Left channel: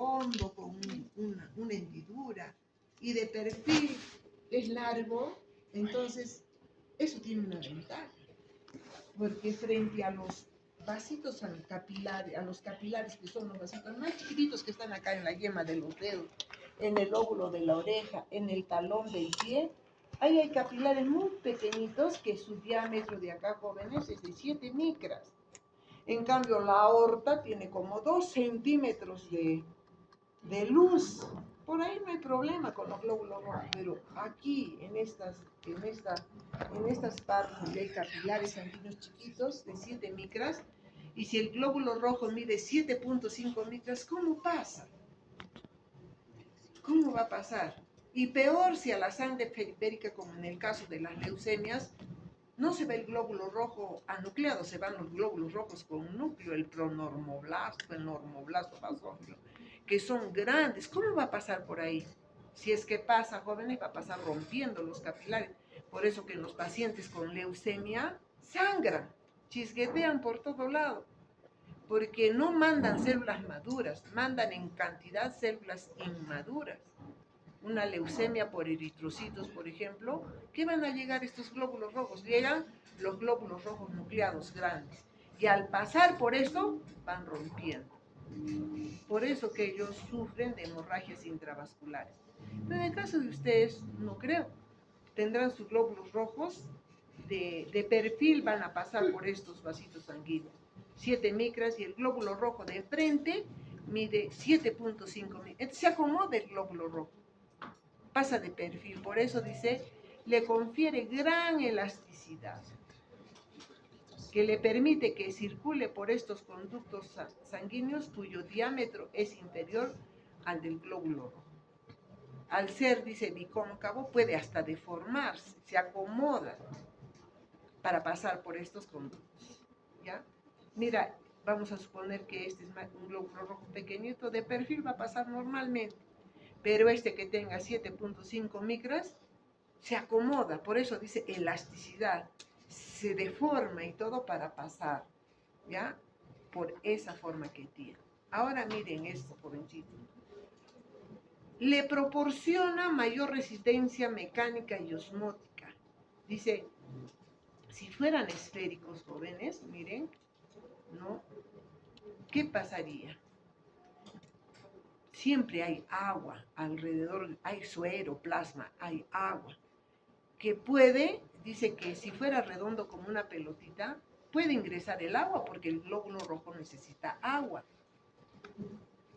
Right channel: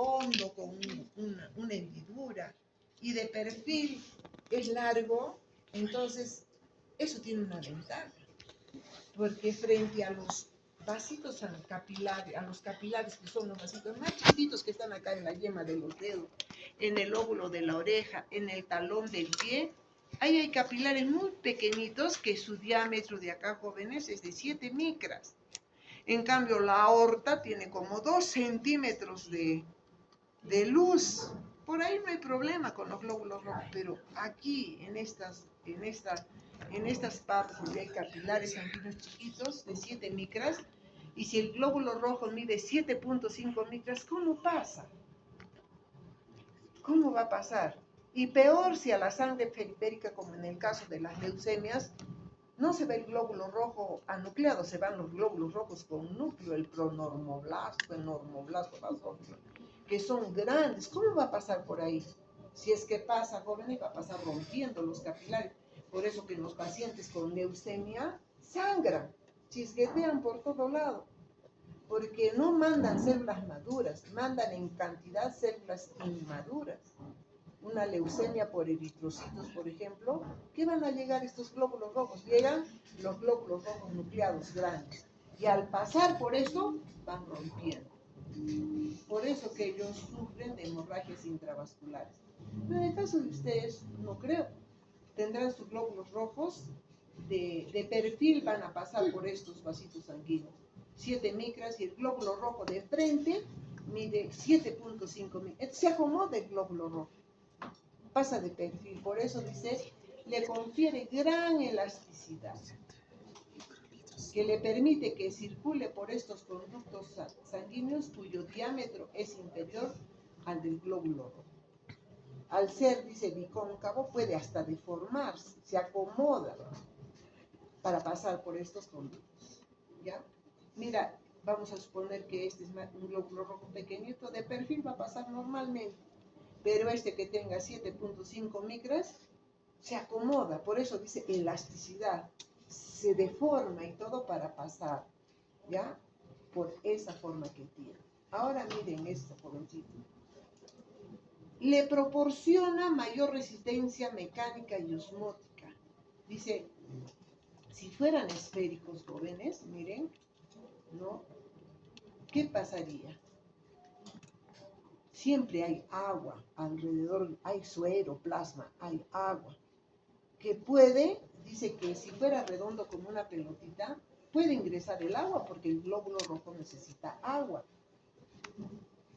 redondo con una hendidura y de perfil es largo, entonces eso tiene una ventaja, porque frente a los vasitos capilares, a los capilares que son los vasitos más chiquitos que están acá en la yema de los dedos, en el óvulo de la oreja, en el talón del pie, ahí hay capilares muy pequeñitos que su diámetro de acá, jóvenes, es de 7 micras. En cambio, la aorta tiene como 2 centímetros de luz. Por ahí no hay problema con los glóbulos rojos, pero aquí, en estas partes donde hay capilares sanguíneos chiquitos de 7 micras, y si el glóbulo rojo mide 7.5 micras, ¿cómo pasa? ¿Cómo va a pasar? Y peor si a la sangre periférica, como en el caso de las leucemias, no se ve el glóbulo rojo anucleado, se van los glóbulos rojos con núcleo, el pronormoblasto, el normoblasto basófilo, que son grandes. ¿Cómo va a pasar por ahí? Si es que pasa, jóvenes, va a pasar rompiendo los capilares. Por eso que los pacientes con leucemia sangran, chisguetean por todo lado, porque no mandan células maduras, mandan en cantidad células inmaduras. Una leucemia por eritrocitos, por ejemplo, ¿qué van a llegar estos glóbulos rojos? Llegan los glóbulos rojos nucleados grandes, y al pasar por eso van rompiendo. Por eso que ellos sufren de hemorragias intravasculares. Pero en el caso de ustedes, no creo. Tendrán sus glóbulos rojos de perfil, van a pasar por estos vasitos sanguíneos. 7 micras, y el glóbulo rojo de frente mide 7.5 micras. Se acomoda el glóbulo rojo, pasa de perfil. Por eso dice, le confiere gran elasticidad, que le permite que circule por estos conductos sanguíneos cuyo diámetro es inferior al del glóbulo rojo. Al ser, dice, bicóncavo, puede hasta deformarse, se acomoda para pasar por estos conductos, ¿ya? Mira, vamos a suponer que este es un glóbulo rojo pequeñito, de perfil va a pasar normalmente, pero este que tenga 7.5 micras se acomoda, por eso dice elasticidad, se deforma y todo para pasar, ¿ya? Por esa forma que tiene. Ahora miren esto, jovencito. Le proporciona mayor resistencia mecánica y osmótica. Dice, si fueran esféricos, jóvenes, miren, ¿no? ¿Qué pasaría? Siempre hay agua alrededor, hay suero, plasma, hay agua, que puede, dice que si fuera redondo como una pelotita, puede ingresar el agua porque el glóbulo rojo necesita agua.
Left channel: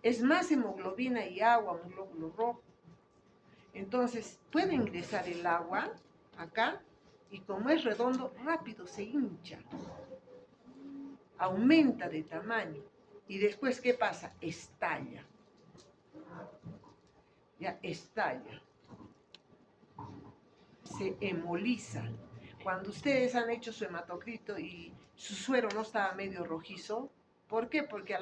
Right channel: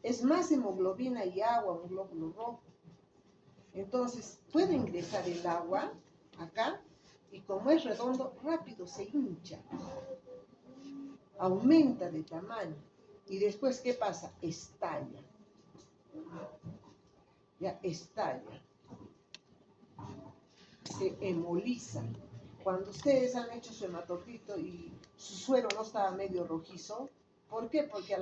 Es más hemoglobina y agua un glóbulo rojo. Entonces, puede ingresar el agua acá, y como es redondo, rápido se hincha, aumenta de tamaño, y después, ¿qué pasa? Estalla. Ya estalla. Se hemoliza. Cuando ustedes han hecho su hematocrito y su suero no estaba medio rojizo, ¿por qué? Porque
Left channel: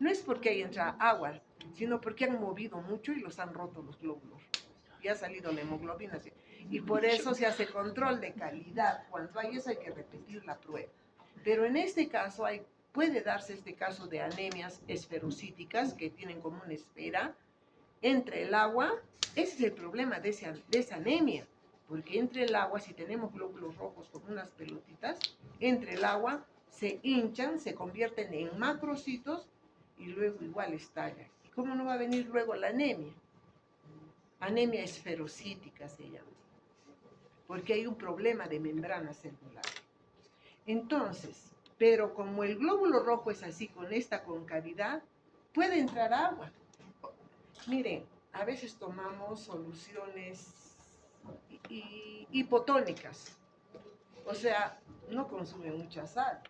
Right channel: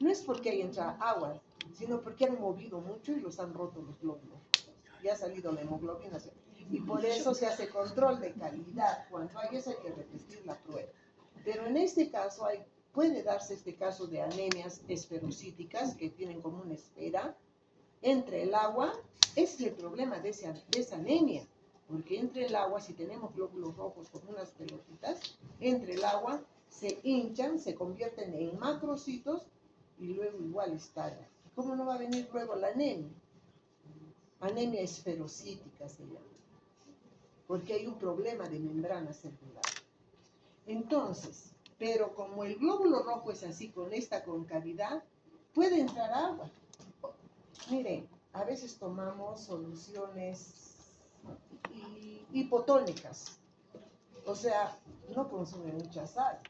no es porque ahí entra agua, sino porque han movido mucho y los han roto los glóbulos. Y ha salido la hemoglobina. Y por eso se hace control de calidad. Cuando hay eso hay que repetir la prueba. Pero en este caso puede darse este caso de anemias esferocíticas que tienen como una esfera entre el agua. Ese es el problema de esa anemia. Porque entre el agua, si tenemos glóbulos rojos como unas pelotitas, entre el agua se hinchan, se convierten en macrocitos y luego igual estallan. ¿Y cómo no va a venir luego la anemia? Anemia esferocítica se llama, porque hay un problema de membrana celular. Entonces, pero como el glóbulo rojo es así, con esta concavidad, puede entrar agua. Miren, a veces tomamos soluciones hipotónicas, o sea, no consume mucha sal,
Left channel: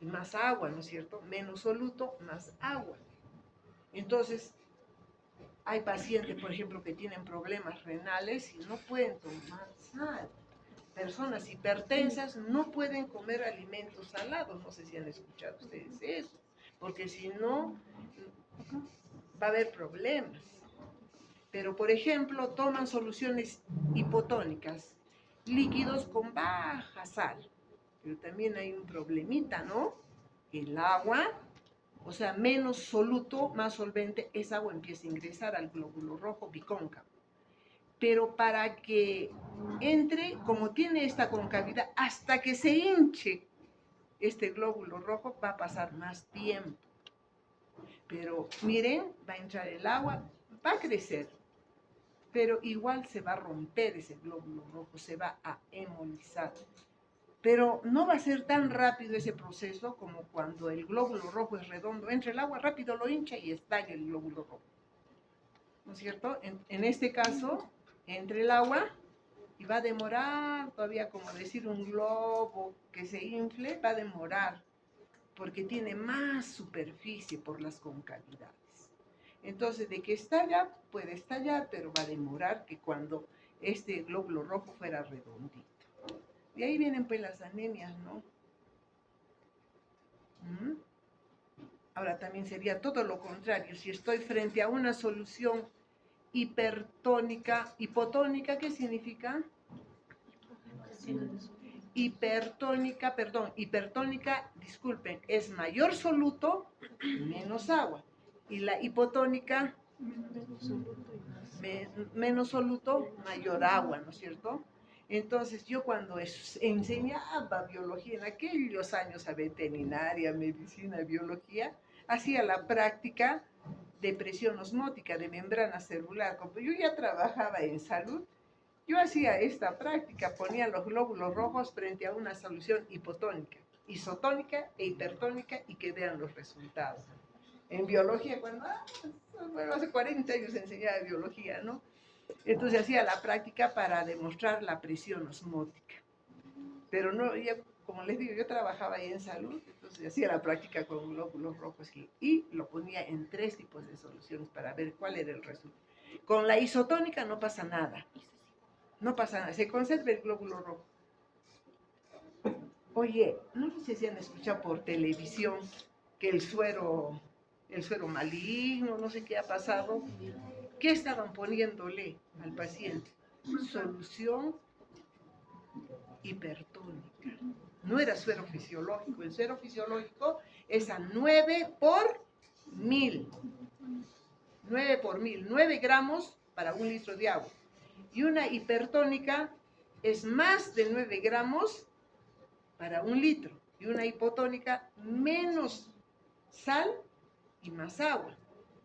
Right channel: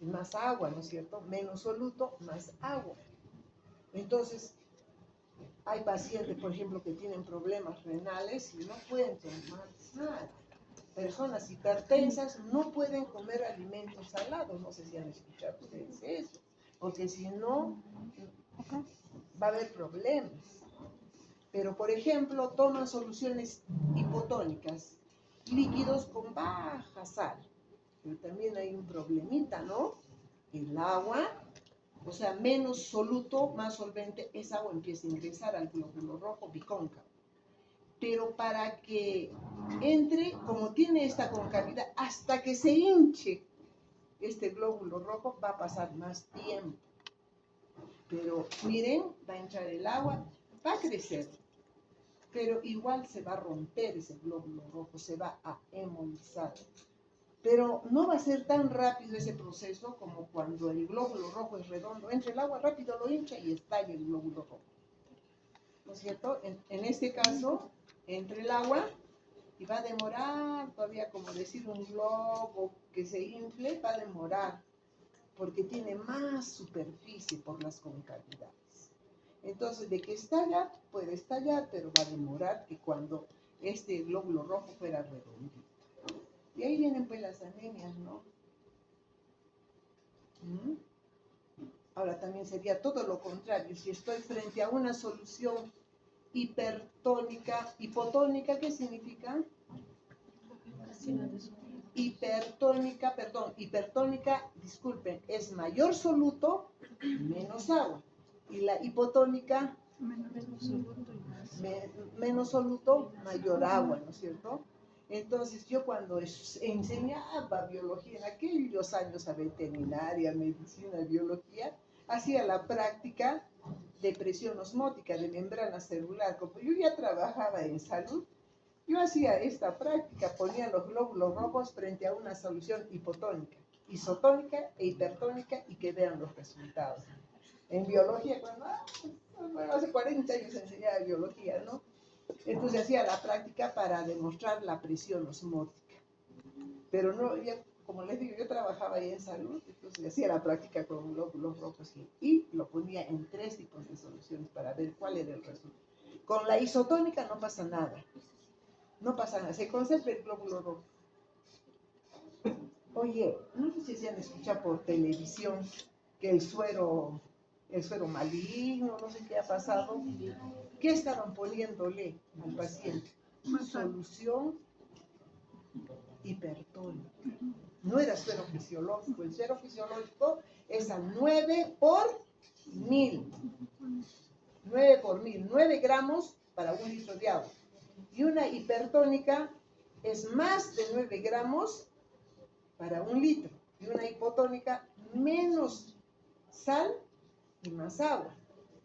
más agua, ¿no es cierto? Menos soluto, más agua. Entonces, hay pacientes, por ejemplo, que tienen problemas renales y no pueden tomar sal. Personas hipertensas no pueden comer alimentos salados. No sé si han escuchado ustedes eso, porque si no, va a haber problemas. Pero, por ejemplo, toman soluciones hipotónicas, líquidos con baja sal. Pero también hay un problemita, ¿no? El agua o sea, menos soluto, más solvente, esa agua empieza a ingresar al glóbulo rojo bicóncavo. Pero para que entre, como tiene esta concavidad, hasta que se hinche este glóbulo rojo, va a pasar más tiempo. Pero miren, va a entrar el agua, va a crecer, pero igual se va a romper ese glóbulo rojo, se va a hemolizar. Pero no va a ser tan rápido ese proceso como cuando el glóbulo rojo es redondo. Entra el agua, rápido lo hincha y estalla el glóbulo rojo. ¿No es cierto? En este caso, entra el agua y va a demorar todavía, como decir un globo que se infle, va a demorar, porque tiene más superficie por las concavidades. Entonces, de que estalla, puede estallar, pero va a demorar que cuando este glóbulo rojo fuera redondito. De ahí vienen pues las anemias, ¿no? Ahora también sería todo lo contrario. Si estoy frente a una solución hipertónica, hipotónica, ¿qué significa? Hipertónica, disculpen, es mayor soluto, menos agua. Y la hipotónica, menos soluto, mayor agua, ¿no es cierto? Entonces yo cuando enseñaba biología en aquellos años a veterinaria, medicina, biología, hacía la práctica de presión osmótica, de membrana celular. Como yo ya trabajaba en salud, yo hacía esta práctica, ponía los glóbulos rojos frente a una solución hipotónica, isotónica e hipertónica y que vean los resultados. En biología, bueno, hace 40 años enseñaba biología, ¿no? Entonces hacía la práctica para demostrar la presión osmótica. Pero no, ya, como les digo, yo trabajaba ahí en salud, entonces hacía la práctica con glóbulos rojos y lo ponía en 3 tipos de soluciones para ver cuál era el resultado. Con la isotónica no pasa nada. No pasa nada, se conserva el glóbulo rojo. Oye, no sé si han escuchado por televisión que el suero maligno, no sé qué ha pasado. ¿Qué estaban poniéndole al paciente? Solución hipertónica. No era suero fisiológico. El suero fisiológico es a 9 por 1000. 9 por 1000. 9 gramos para 1 litro de agua. Y una hipertónica es más de 9 gramos para 1 litro. Y una hipotónica menos sal y más agua.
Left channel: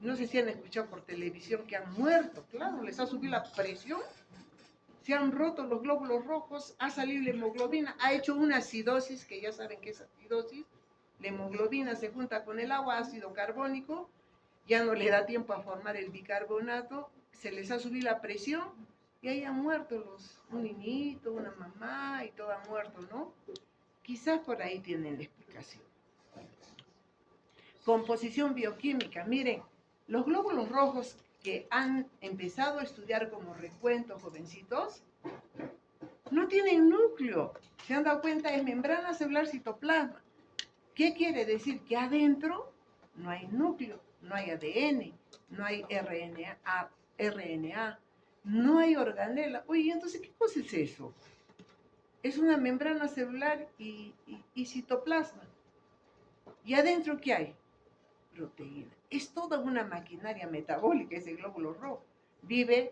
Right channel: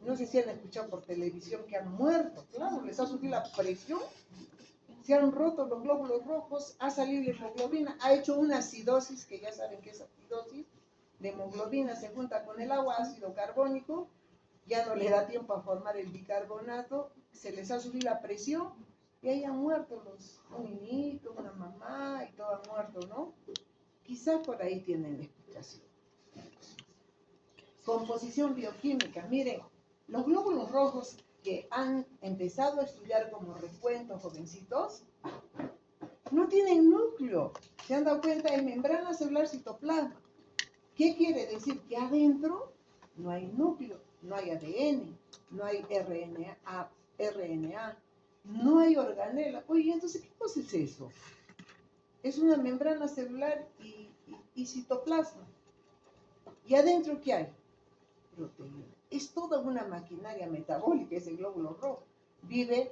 No sé si han escuchado por televisión que han muerto. Claro, les ha subido la presión, se han roto los glóbulos rojos, ha salido la hemoglobina, ha hecho una acidosis, que ya saben que es acidosis. La hemoglobina se junta con el agua, ácido carbónico, ya no le da tiempo a formar el bicarbonato, se les ha subido la presión y ahí han muerto un niñito, una mamá y todo ha muerto, ¿no? Quizás por ahí tienen la explicación. Composición bioquímica. Miren, los glóbulos rojos que han empezado a estudiar como recuento, jovencitos, no tienen núcleo. ¿Se han dado cuenta? Es membrana celular citoplasma. ¿Qué quiere decir? Que adentro no hay núcleo, no hay ADN, no hay RNA, no hay organela. Oye, entonces, ¿qué cosa es eso? Es una membrana celular y citoplasma. ¿Y adentro qué hay? Proteína. Es toda una maquinaria metabólica ese glóbulo rojo. Vive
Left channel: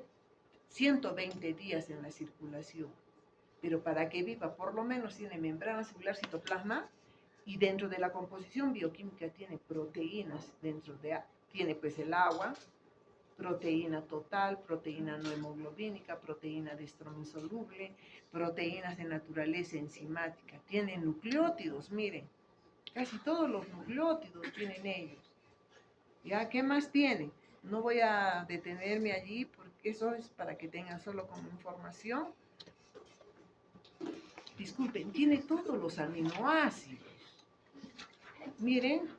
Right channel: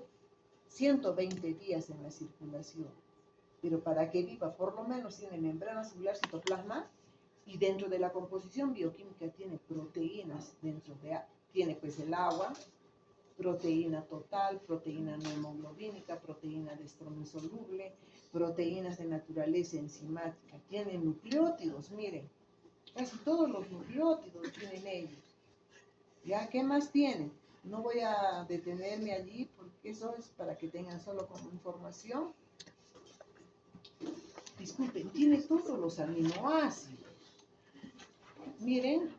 120 días en la circulación. Pero para que viva, por lo menos tiene membrana celular, citoplasma, y dentro de la composición bioquímica tiene proteínas, tiene pues el agua, proteína total, proteína no hemoglobínica, proteína de estrógeno insoluble, proteínas de naturaleza enzimática, tiene nucleótidos, miren, casi todos los nucleótidos tienen ellos. ¿Ya? ¿Qué más tiene? No voy a detenerme allí porque eso es para que tengan solo como información. Disculpen, tiene todos los aminoácidos. Miren,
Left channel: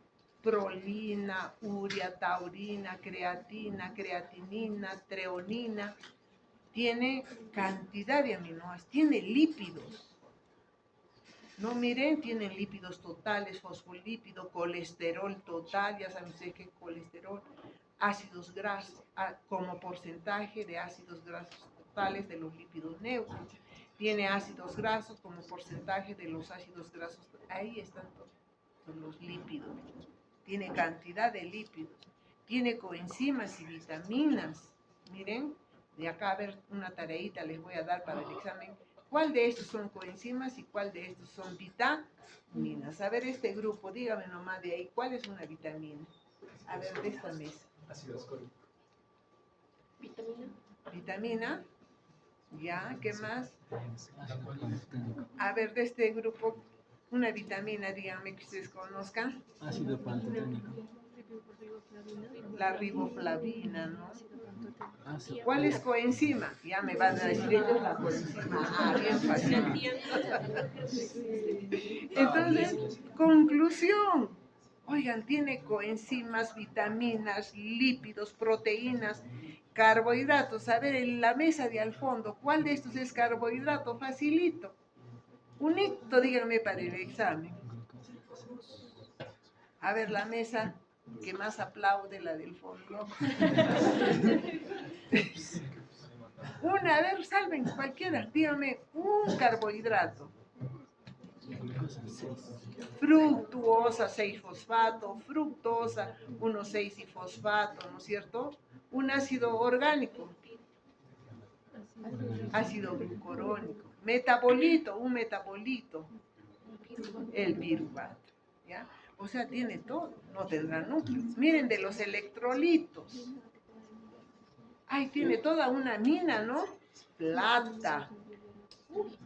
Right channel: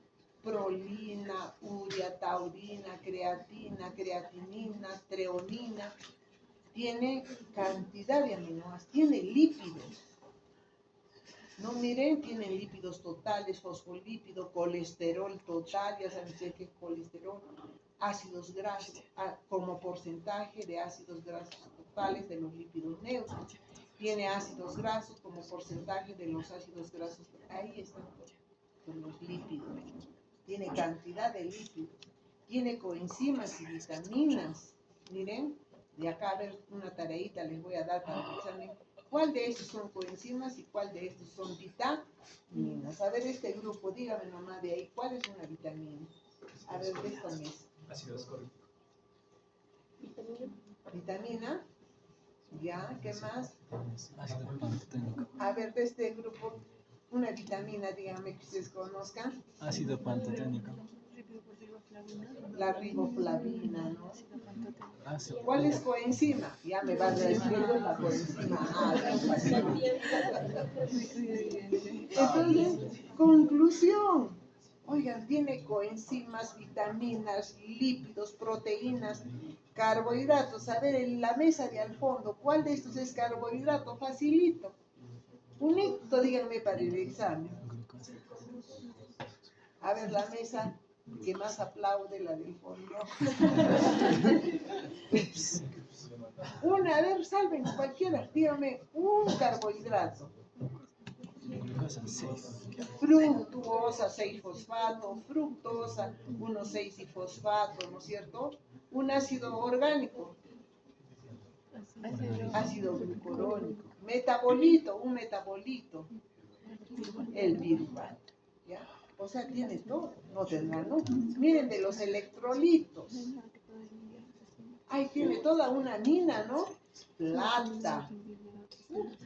prolina, urea, taurina, creatina, creatinina, treonina. Tiene cantidad de aminoácidos, tiene lípidos. No, miren, tienen lípidos totales, fosfolípido, colesterol total, ya saben ustedes qué es colesterol, ácidos grasos, como porcentaje de ácidos grasos totales de los lípidos neutros. Tiene ácidos grasos como porcentaje de los ácidos grasos, ahí están todos los lípidos. tiene cantidad de lípidos, tiene coenzimas y vitaminas. Miren, de acá a ver una tareita les voy a dar para el examen. ¿Cuál de estos son coenzimas y cuál de estos son vitaminas? A ver, este grupo, dígame nomás de ahí, ¿cuál es una vitamina? A ver, de esta mesa. Ácido ascórbico. Vitamina. Ya, ¿qué más? Ácido pantoténico. A ver, de este grupo, una vitamina, díganme que ustedes conozcan. Ácido pantoténico. La riboflavina, ¿no? Ácido. ¿Cuál es coenzima? Ya me van a decir ellos la coenzima. Ah, bien fácil. Entonces, conclusión. Oigan, tiene coenzimas, vitaminas, lípidos, proteínas, carbohidratos. A ver, en la mesa de al fondo, ¿cuál de estos es carbohidrato? Facilito. Unito, díganme para el examen. A ver, la mesa que más aplaude, la del fondo. Una, a ver, salven cualquiera, dígame un carbohidrato. Glucosa 6. Fructuosa 6-fosfato, fructosa 1,6 y fosfato, ¿no es cierto? Un ácido orgánico, ácido glucurónico, metabolito, un metabolito, el piruvato, ¿ya? O sea, tiene todo, no tendrá núcleos. Miren de los electrolitos. Ahí tiene toda una mina, ¿no? Plata,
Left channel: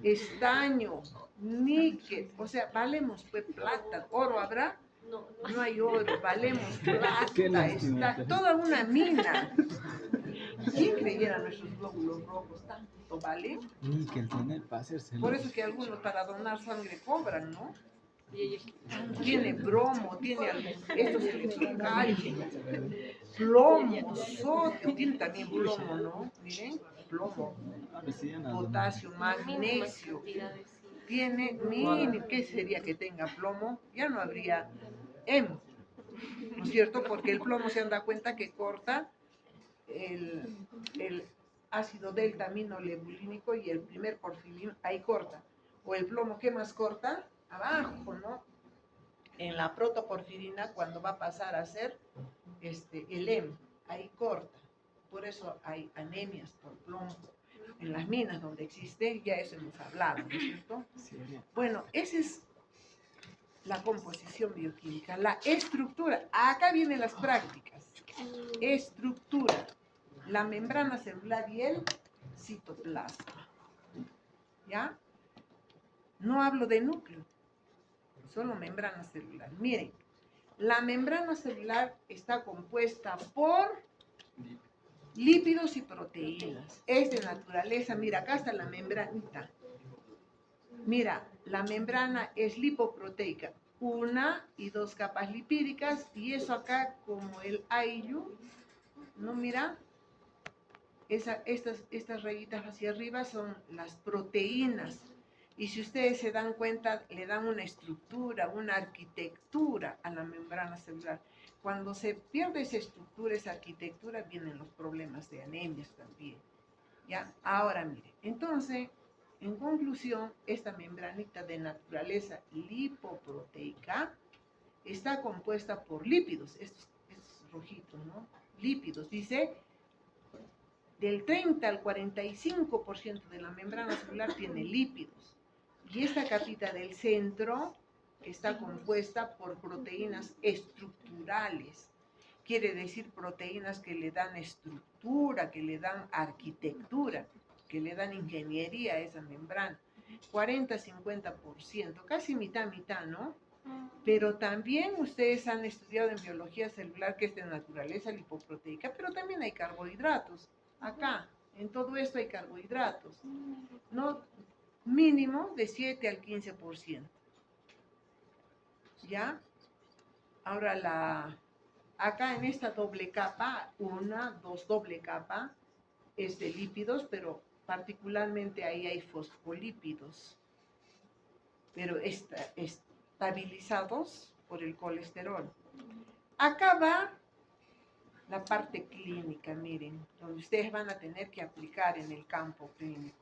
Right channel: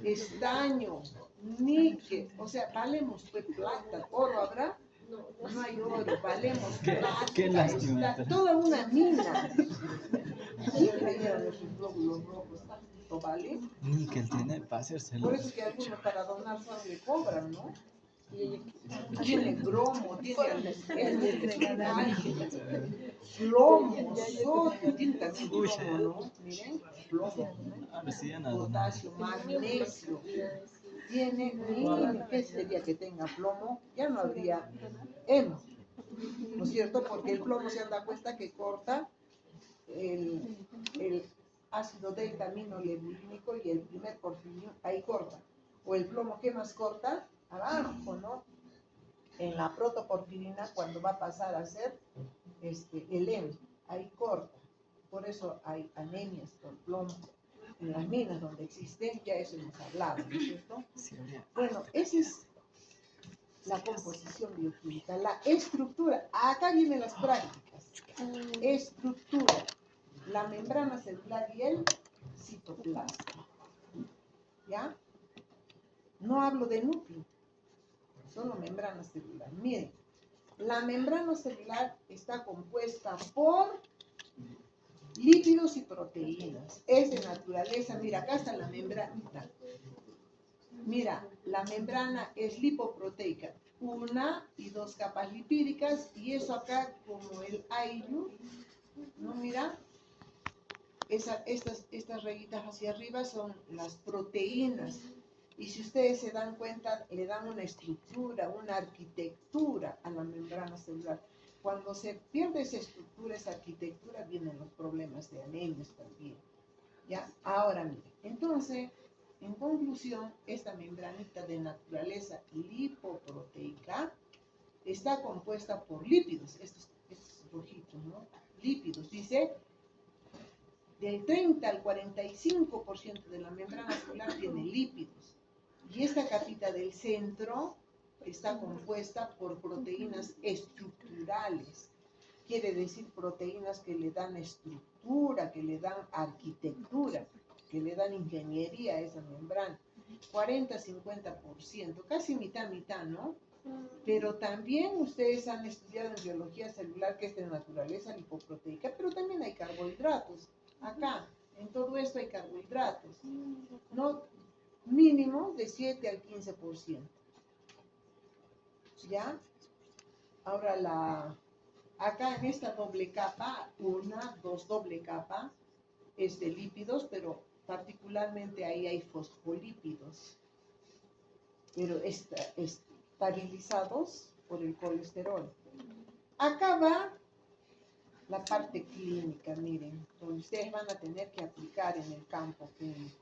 estaño, níquel, o sea, valemos pues plata, oro habrá, no hay oro, valemos plata, Qué lástima. está toda una mina. ¿Quién creyera nuestros glóbulos rojos tanto vale? Níquel tiene para hacerse. Por eso que algunos para donar sangre cobran, ¿no? Tiene bromo, tiene estos electrocalcio, plomo, sodio, tiene también plomo, ¿no? Miren, plomo, potasio, magnesio, tiene, ¿qué sería que tenga plomo? Ya no habría hemo, ¿no es cierto? Porque el plomo se han dado cuenta que corta el ácido delta aminolebulínico y el primer porfirino, ahí corta. O el plomo, ¿qué más corta? Abajo, ¿no? En la protoporfirina, cuando va a pasar a ser el hemo, ahí corta. Por eso hay anemias por plomo. En las minas donde existe, ya eso hemos hablado, ¿no es cierto? Bueno, esa es la composición bioquímica, la estructura. Acá vienen las prácticas. Estructura, la membrana celular y el citoplasma. ¿Ya? No hablo de núcleo, solo membrana celular. Miren, la membrana celular está compuesta por lípidos y proteínas. Es de naturaleza, mira, acá está la membranita. Mira, la membrana es lipoproteica, 1 y 2 capas lipídicas, y eso acá como el IU, ¿no? Mira, estas rayitas hacia arriba son las proteínas. Y si ustedes se dan cuenta, le dan una estructura, una arquitectura a la membrana celular. Cuando se pierde esa estructura, esa arquitectura, vienen los problemas de anemias también. ¿Ya? Ahora mire, entonces, en conclusión, esta membranita de naturaleza lipoproteica está compuesta por lípidos, estos rojitos, ¿no? Lípidos, dice, del 30 al 45% de la membrana celular tiene lípidos. Y esta capita del centro está compuesta por proteínas estructurales. Quiere decir proteínas que le dan estructura, que le dan arquitectura, que le dan ingeniería a esa membrana. 40-50%, casi mitad, ¿no? Pero también ustedes han estudiado en biología celular que es de naturaleza lipoproteica, pero también hay carbohidratos. Acá, en todo esto hay carbohidratos, ¿no? Mínimo de 7 al 15%. ¿Ya? Ahora acá en esta doble capa, 1, 2 doble capa, es de lípidos, pero particularmente ahí hay fosfolípidos, pero estabilizados por el colesterol. Acá va la parte clínica, miren, donde ustedes van a tener que aplicar en el campo clínico.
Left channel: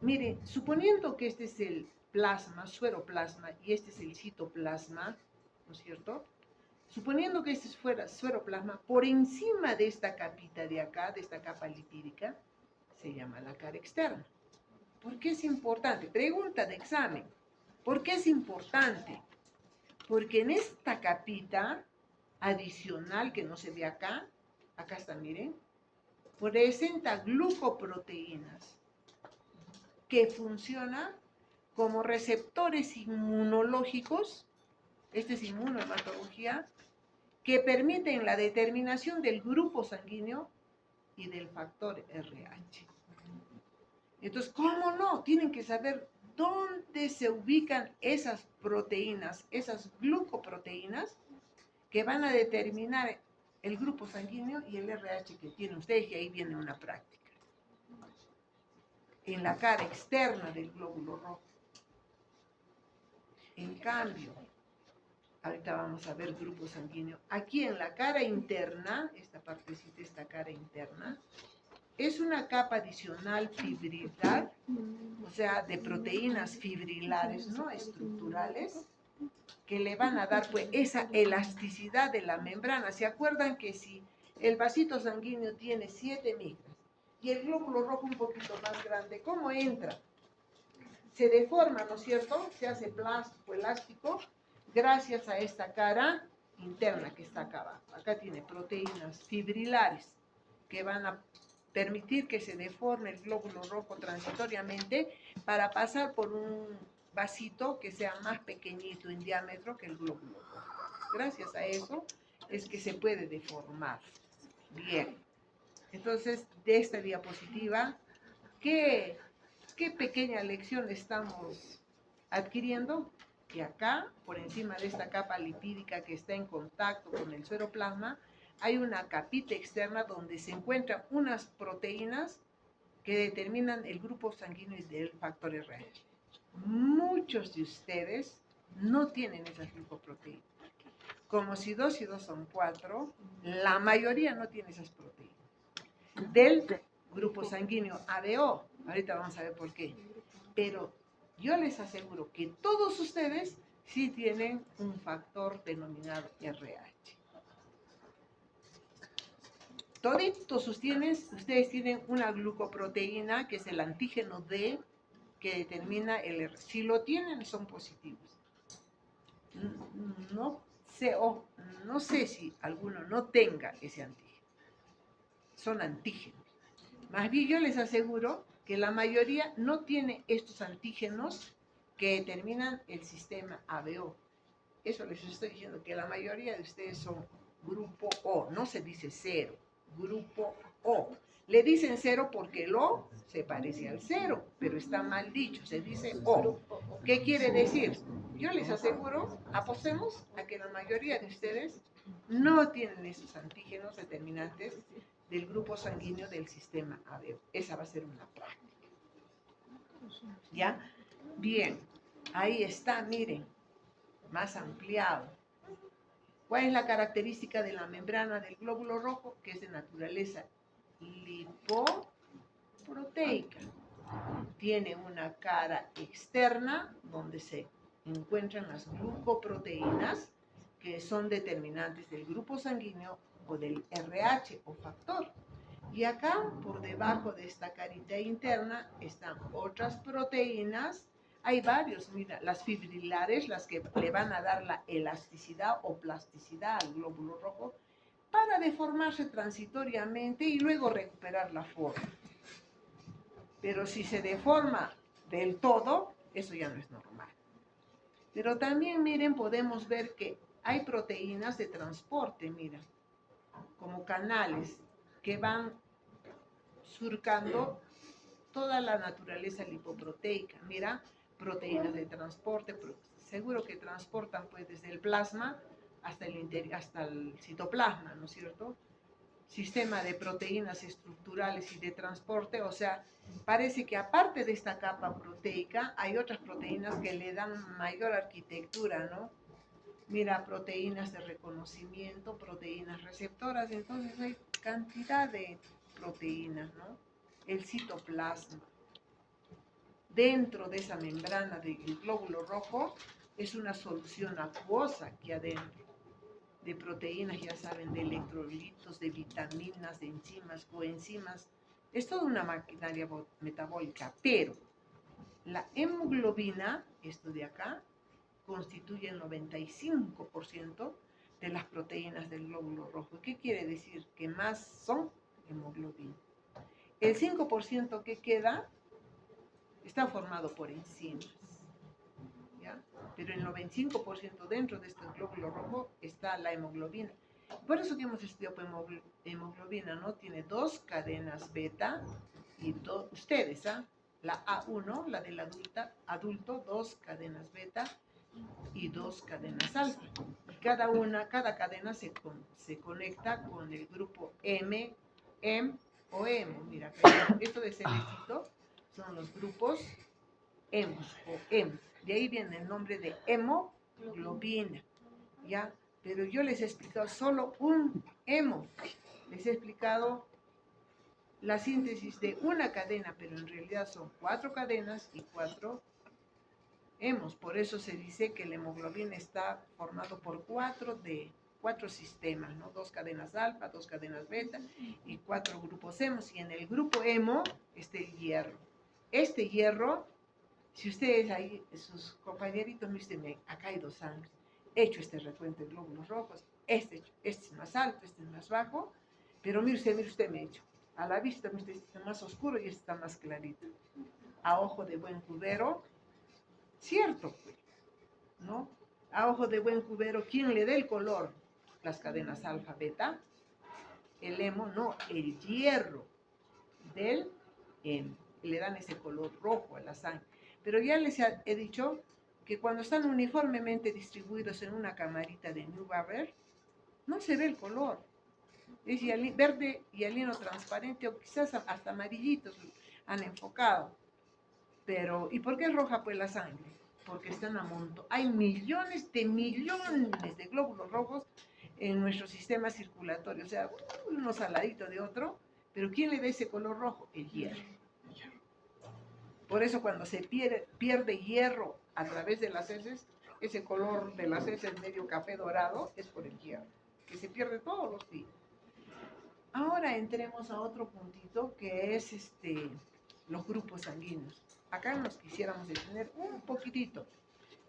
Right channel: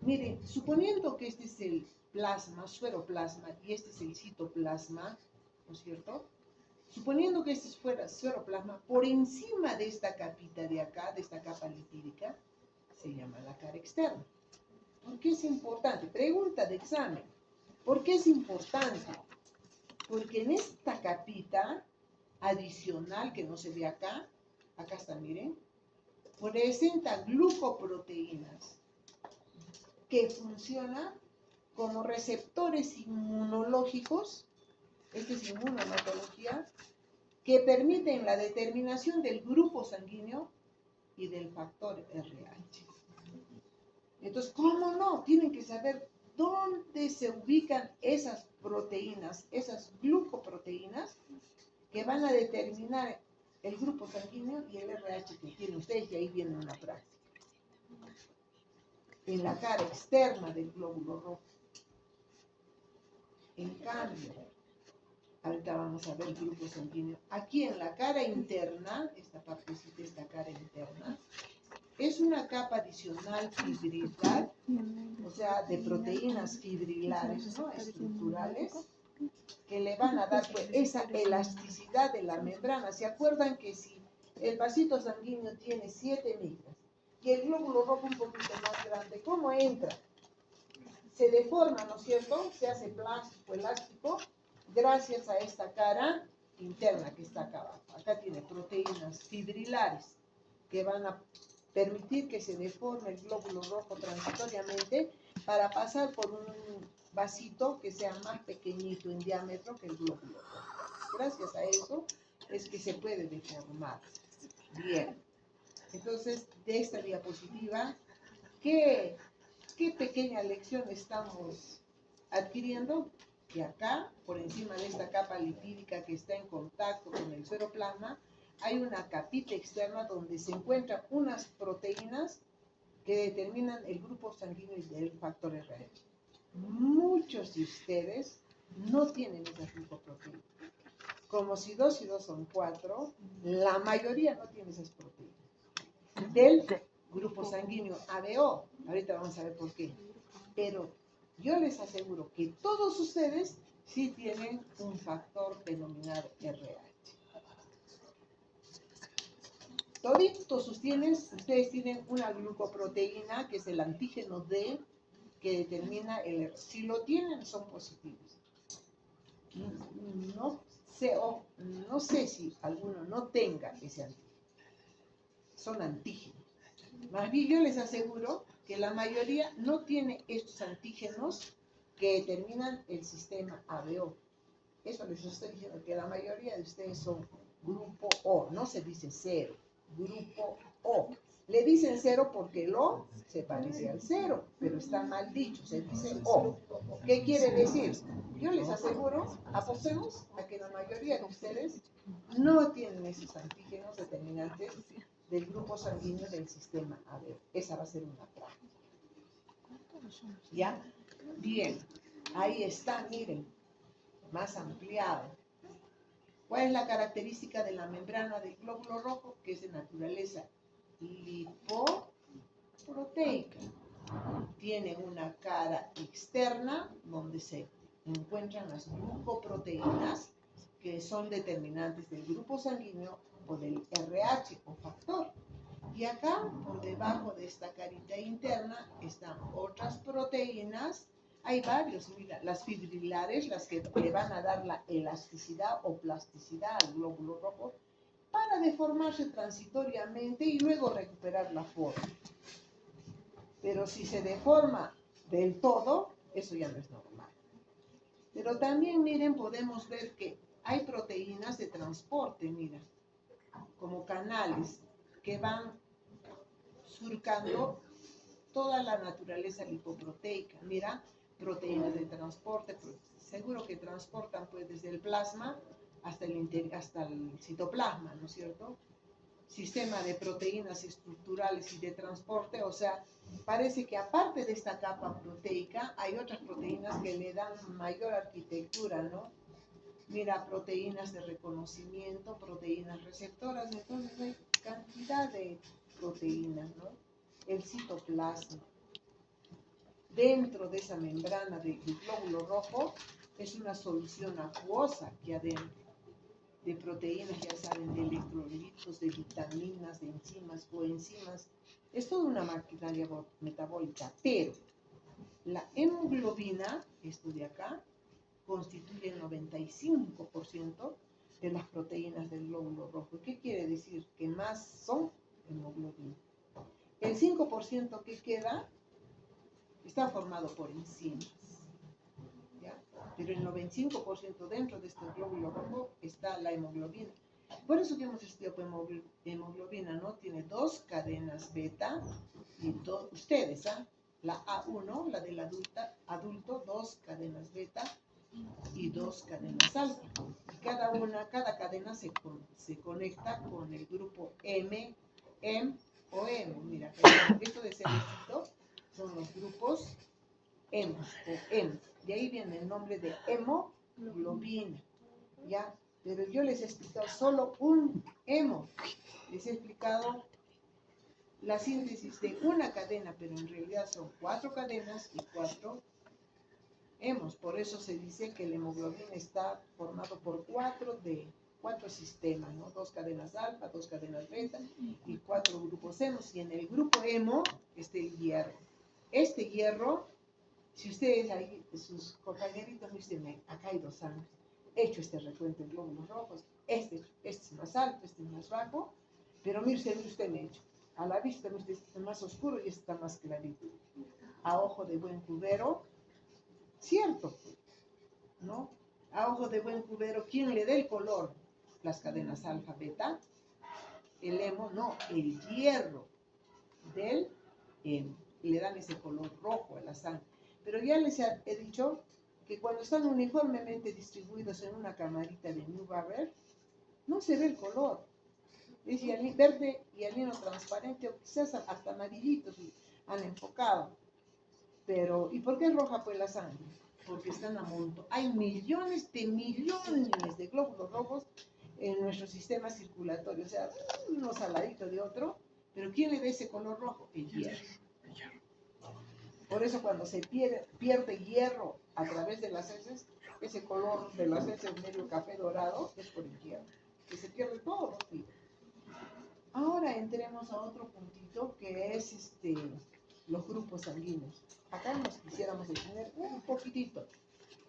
Miren, suponiendo que este es el plasma, sueroplasma, y este es el citoplasma, ¿no es cierto? suponiendo que este fuera sueroplasma, por encima de esta capita de acá, de esta capa lipídica, se llama la cara externa. ¿Por qué es importante? Pregunta de examen. ¿Por qué es importante? Porque en esta capita adicional que no se ve acá, acá está, miren, presenta glucoproteínas que funcionan como receptores inmunológicos, esta es inmunohematología, que permiten la determinación del grupo sanguíneo y del factor RH. Entonces, ¿cómo no? Tienen que saber dónde se ubican esas proteínas, esas glucoproteínas que van a determinar el grupo sanguíneo y el RH que tienen ustedes, y ahí viene una práctica. En la cara externa del glóbulo rojo. En cambio, ahorita vamos a ver grupo sanguíneo. Aquí en la cara interna, esta partecita, esta cara interna, es una capa adicional fibrilar, o sea, de proteínas fibrilares, no estructurales, que le van a dar pues esa elasticidad de la membrana. ¿Se acuerdan que si el vasito sanguíneo tiene 7 micras y el glóbulo rojo un poquito más grande, ¿cómo entra? Se deforma, ¿no es cierto? Se hace plástico, elástico, gracias a esta cara interna que está acá abajo. Acá tiene proteínas fibrilares que van a permitir que se deforme el glóbulo rojo transitoriamente para pasar por un vasito que sea más pequeñito en diámetro que el glóbulo rojo. Gracias a eso es que se puede deformar. Bien. Entonces, de esta diapositiva, ¿qué pequeña lección estamos adquiriendo? Que acá, por encima de esta capa lipídica que está en contacto con el sueroplasma, hay una capita externa donde se encuentran unas proteínas que determinan el grupo sanguíneo del factor RH. Muchos de ustedes no tienen esas glucoproteínas. Como si 2 y 2 son 4, la mayoría no tiene esas proteínas. Del grupo sanguíneo ABO, ahorita vamos a ver por qué. Pero yo les aseguro que todos ustedes sí tienen un factor denominado RH. Toditos ustedes tienen una glucoproteína que es el antígeno D que determina el RH. Si lo tienen, son positivos. No sé si alguno no tenga ese antígeno. Son antígenos. Más bien yo les aseguro que la mayoría no tiene estos antígenos que determinan el sistema ABO. Eso les estoy diciendo, que la mayoría de ustedes son grupo O, no se dice cero, grupo O. Le dicen cero porque el O se parece al cero, pero está mal dicho, se dice O. ¿Qué quiere decir? Yo les aseguro, apostemos a que la mayoría de ustedes no tienen esos antígenos determinantes del grupo sanguíneo del sistema ABO. Esa va a ser una práctica. ¿Ya? Bien, ahí está, miren, más ampliado. ¿Cuál es la característica de la membrana del glóbulo rojo? Que es de naturaleza lipoproteica. Tiene una cara externa donde se encuentran las glucoproteínas que son determinantes del grupo sanguíneo o del RH o factor. Y acá, por debajo de esta carita interna, están otras proteínas. Hay varios, mira, las fibrilares, las que le van a dar la elasticidad o plasticidad al glóbulo rojo para deformarse transitoriamente y luego recuperar la forma. Pero si se deforma del todo, eso ya no es normal. Pero también, miren, podemos ver que hay proteínas de transporte, miren, como canales que van surcando toda la naturaleza lipoproteica. Mira, proteínas de transporte, seguro que transportan pues desde el plasma hasta el citoplasma, ¿no es cierto? Sistema de proteínas estructurales y de transporte, o sea, parece que aparte de esta capa proteica, hay otras proteínas que le dan mayor arquitectura, ¿no? Mira, proteínas de reconocimiento, proteínas receptoras, entonces hay cantidad de proteínas, ¿no? El citoplasma. Dentro de esa membrana del glóbulo rojo es una solución acuosa aquí adentro. de proteínas, ya saben, de electrolitos, de vitaminas, de enzimas, coenzimas. Es toda una maquinaria metabólica, pero la hemoglobina, esto de acá, constituye el 95% de las proteínas del glóbulo rojo. ¿Qué quiere decir? Que más son hemoglobina. El 5% que queda está formado por enzimas, ¿ya? Pero el 95% dentro de este glóbulo rojo está la hemoglobina. Por eso que hemos estudiado hemoglobina, ¿no? Tiene 2 cadenas beta y ustedes, ¿ah? La A1, la del adulto, 2 cadenas beta y 2 cadenas alfa. Y cada cadena se conecta con el grupo M o hemo. Mira, esto de cerecito son los grupos hemos o hemos. De ahí viene el nombre de hemoglobina, ¿ya? Pero yo les he explicado solo un hemo. Les he explicado la síntesis de una cadena, pero en realidad son 4 cadenas y 4 hemos. Por eso se dice que la hemoglobina está formado por 4 sistemas, ¿no? 2 cadenas alfa, 2 cadenas beta y 4 grupos hemos. Y en el grupo hemo está el hierro. Este hierro, si ustedes ahí, sus compañeritos me dicen, me ha caído sangre, he hecho este recuento de glóbulos rojos, este es más alto, este es más bajo, pero mire usted me ha hecho. A la vista, este está más oscuro y este está más clarito. A ojo de buen cubero, cierto, ¿no? A ojo de buen cubero, ¿quién le da el color? Las cadenas alfa, beta, el hemo, no, el hierro del hemo. Le dan ese color rojo a la sangre. Pero ya les he dicho que cuando están uniformemente distribuidos en una camarita de Neubauer, no se ve el color. Es verde y hialino transparente, o quizás hasta amarillitos han enfocado. Pero, ¿y por qué es roja pues la sangre? Porque están a monto. Hay millones de glóbulos rojos en nuestro sistema circulatorio. O sea, uno saladito de otro, pero ¿quién le da ese color rojo? El hierro. Por eso cuando se pierde hierro a través de las heces, ese color de las heces medio café dorado es por el hierro, que se pierde todos los días. Ahora entremos a otro puntito que es los grupos sanguíneos. Acá nos quisiéramos detener un poquitito,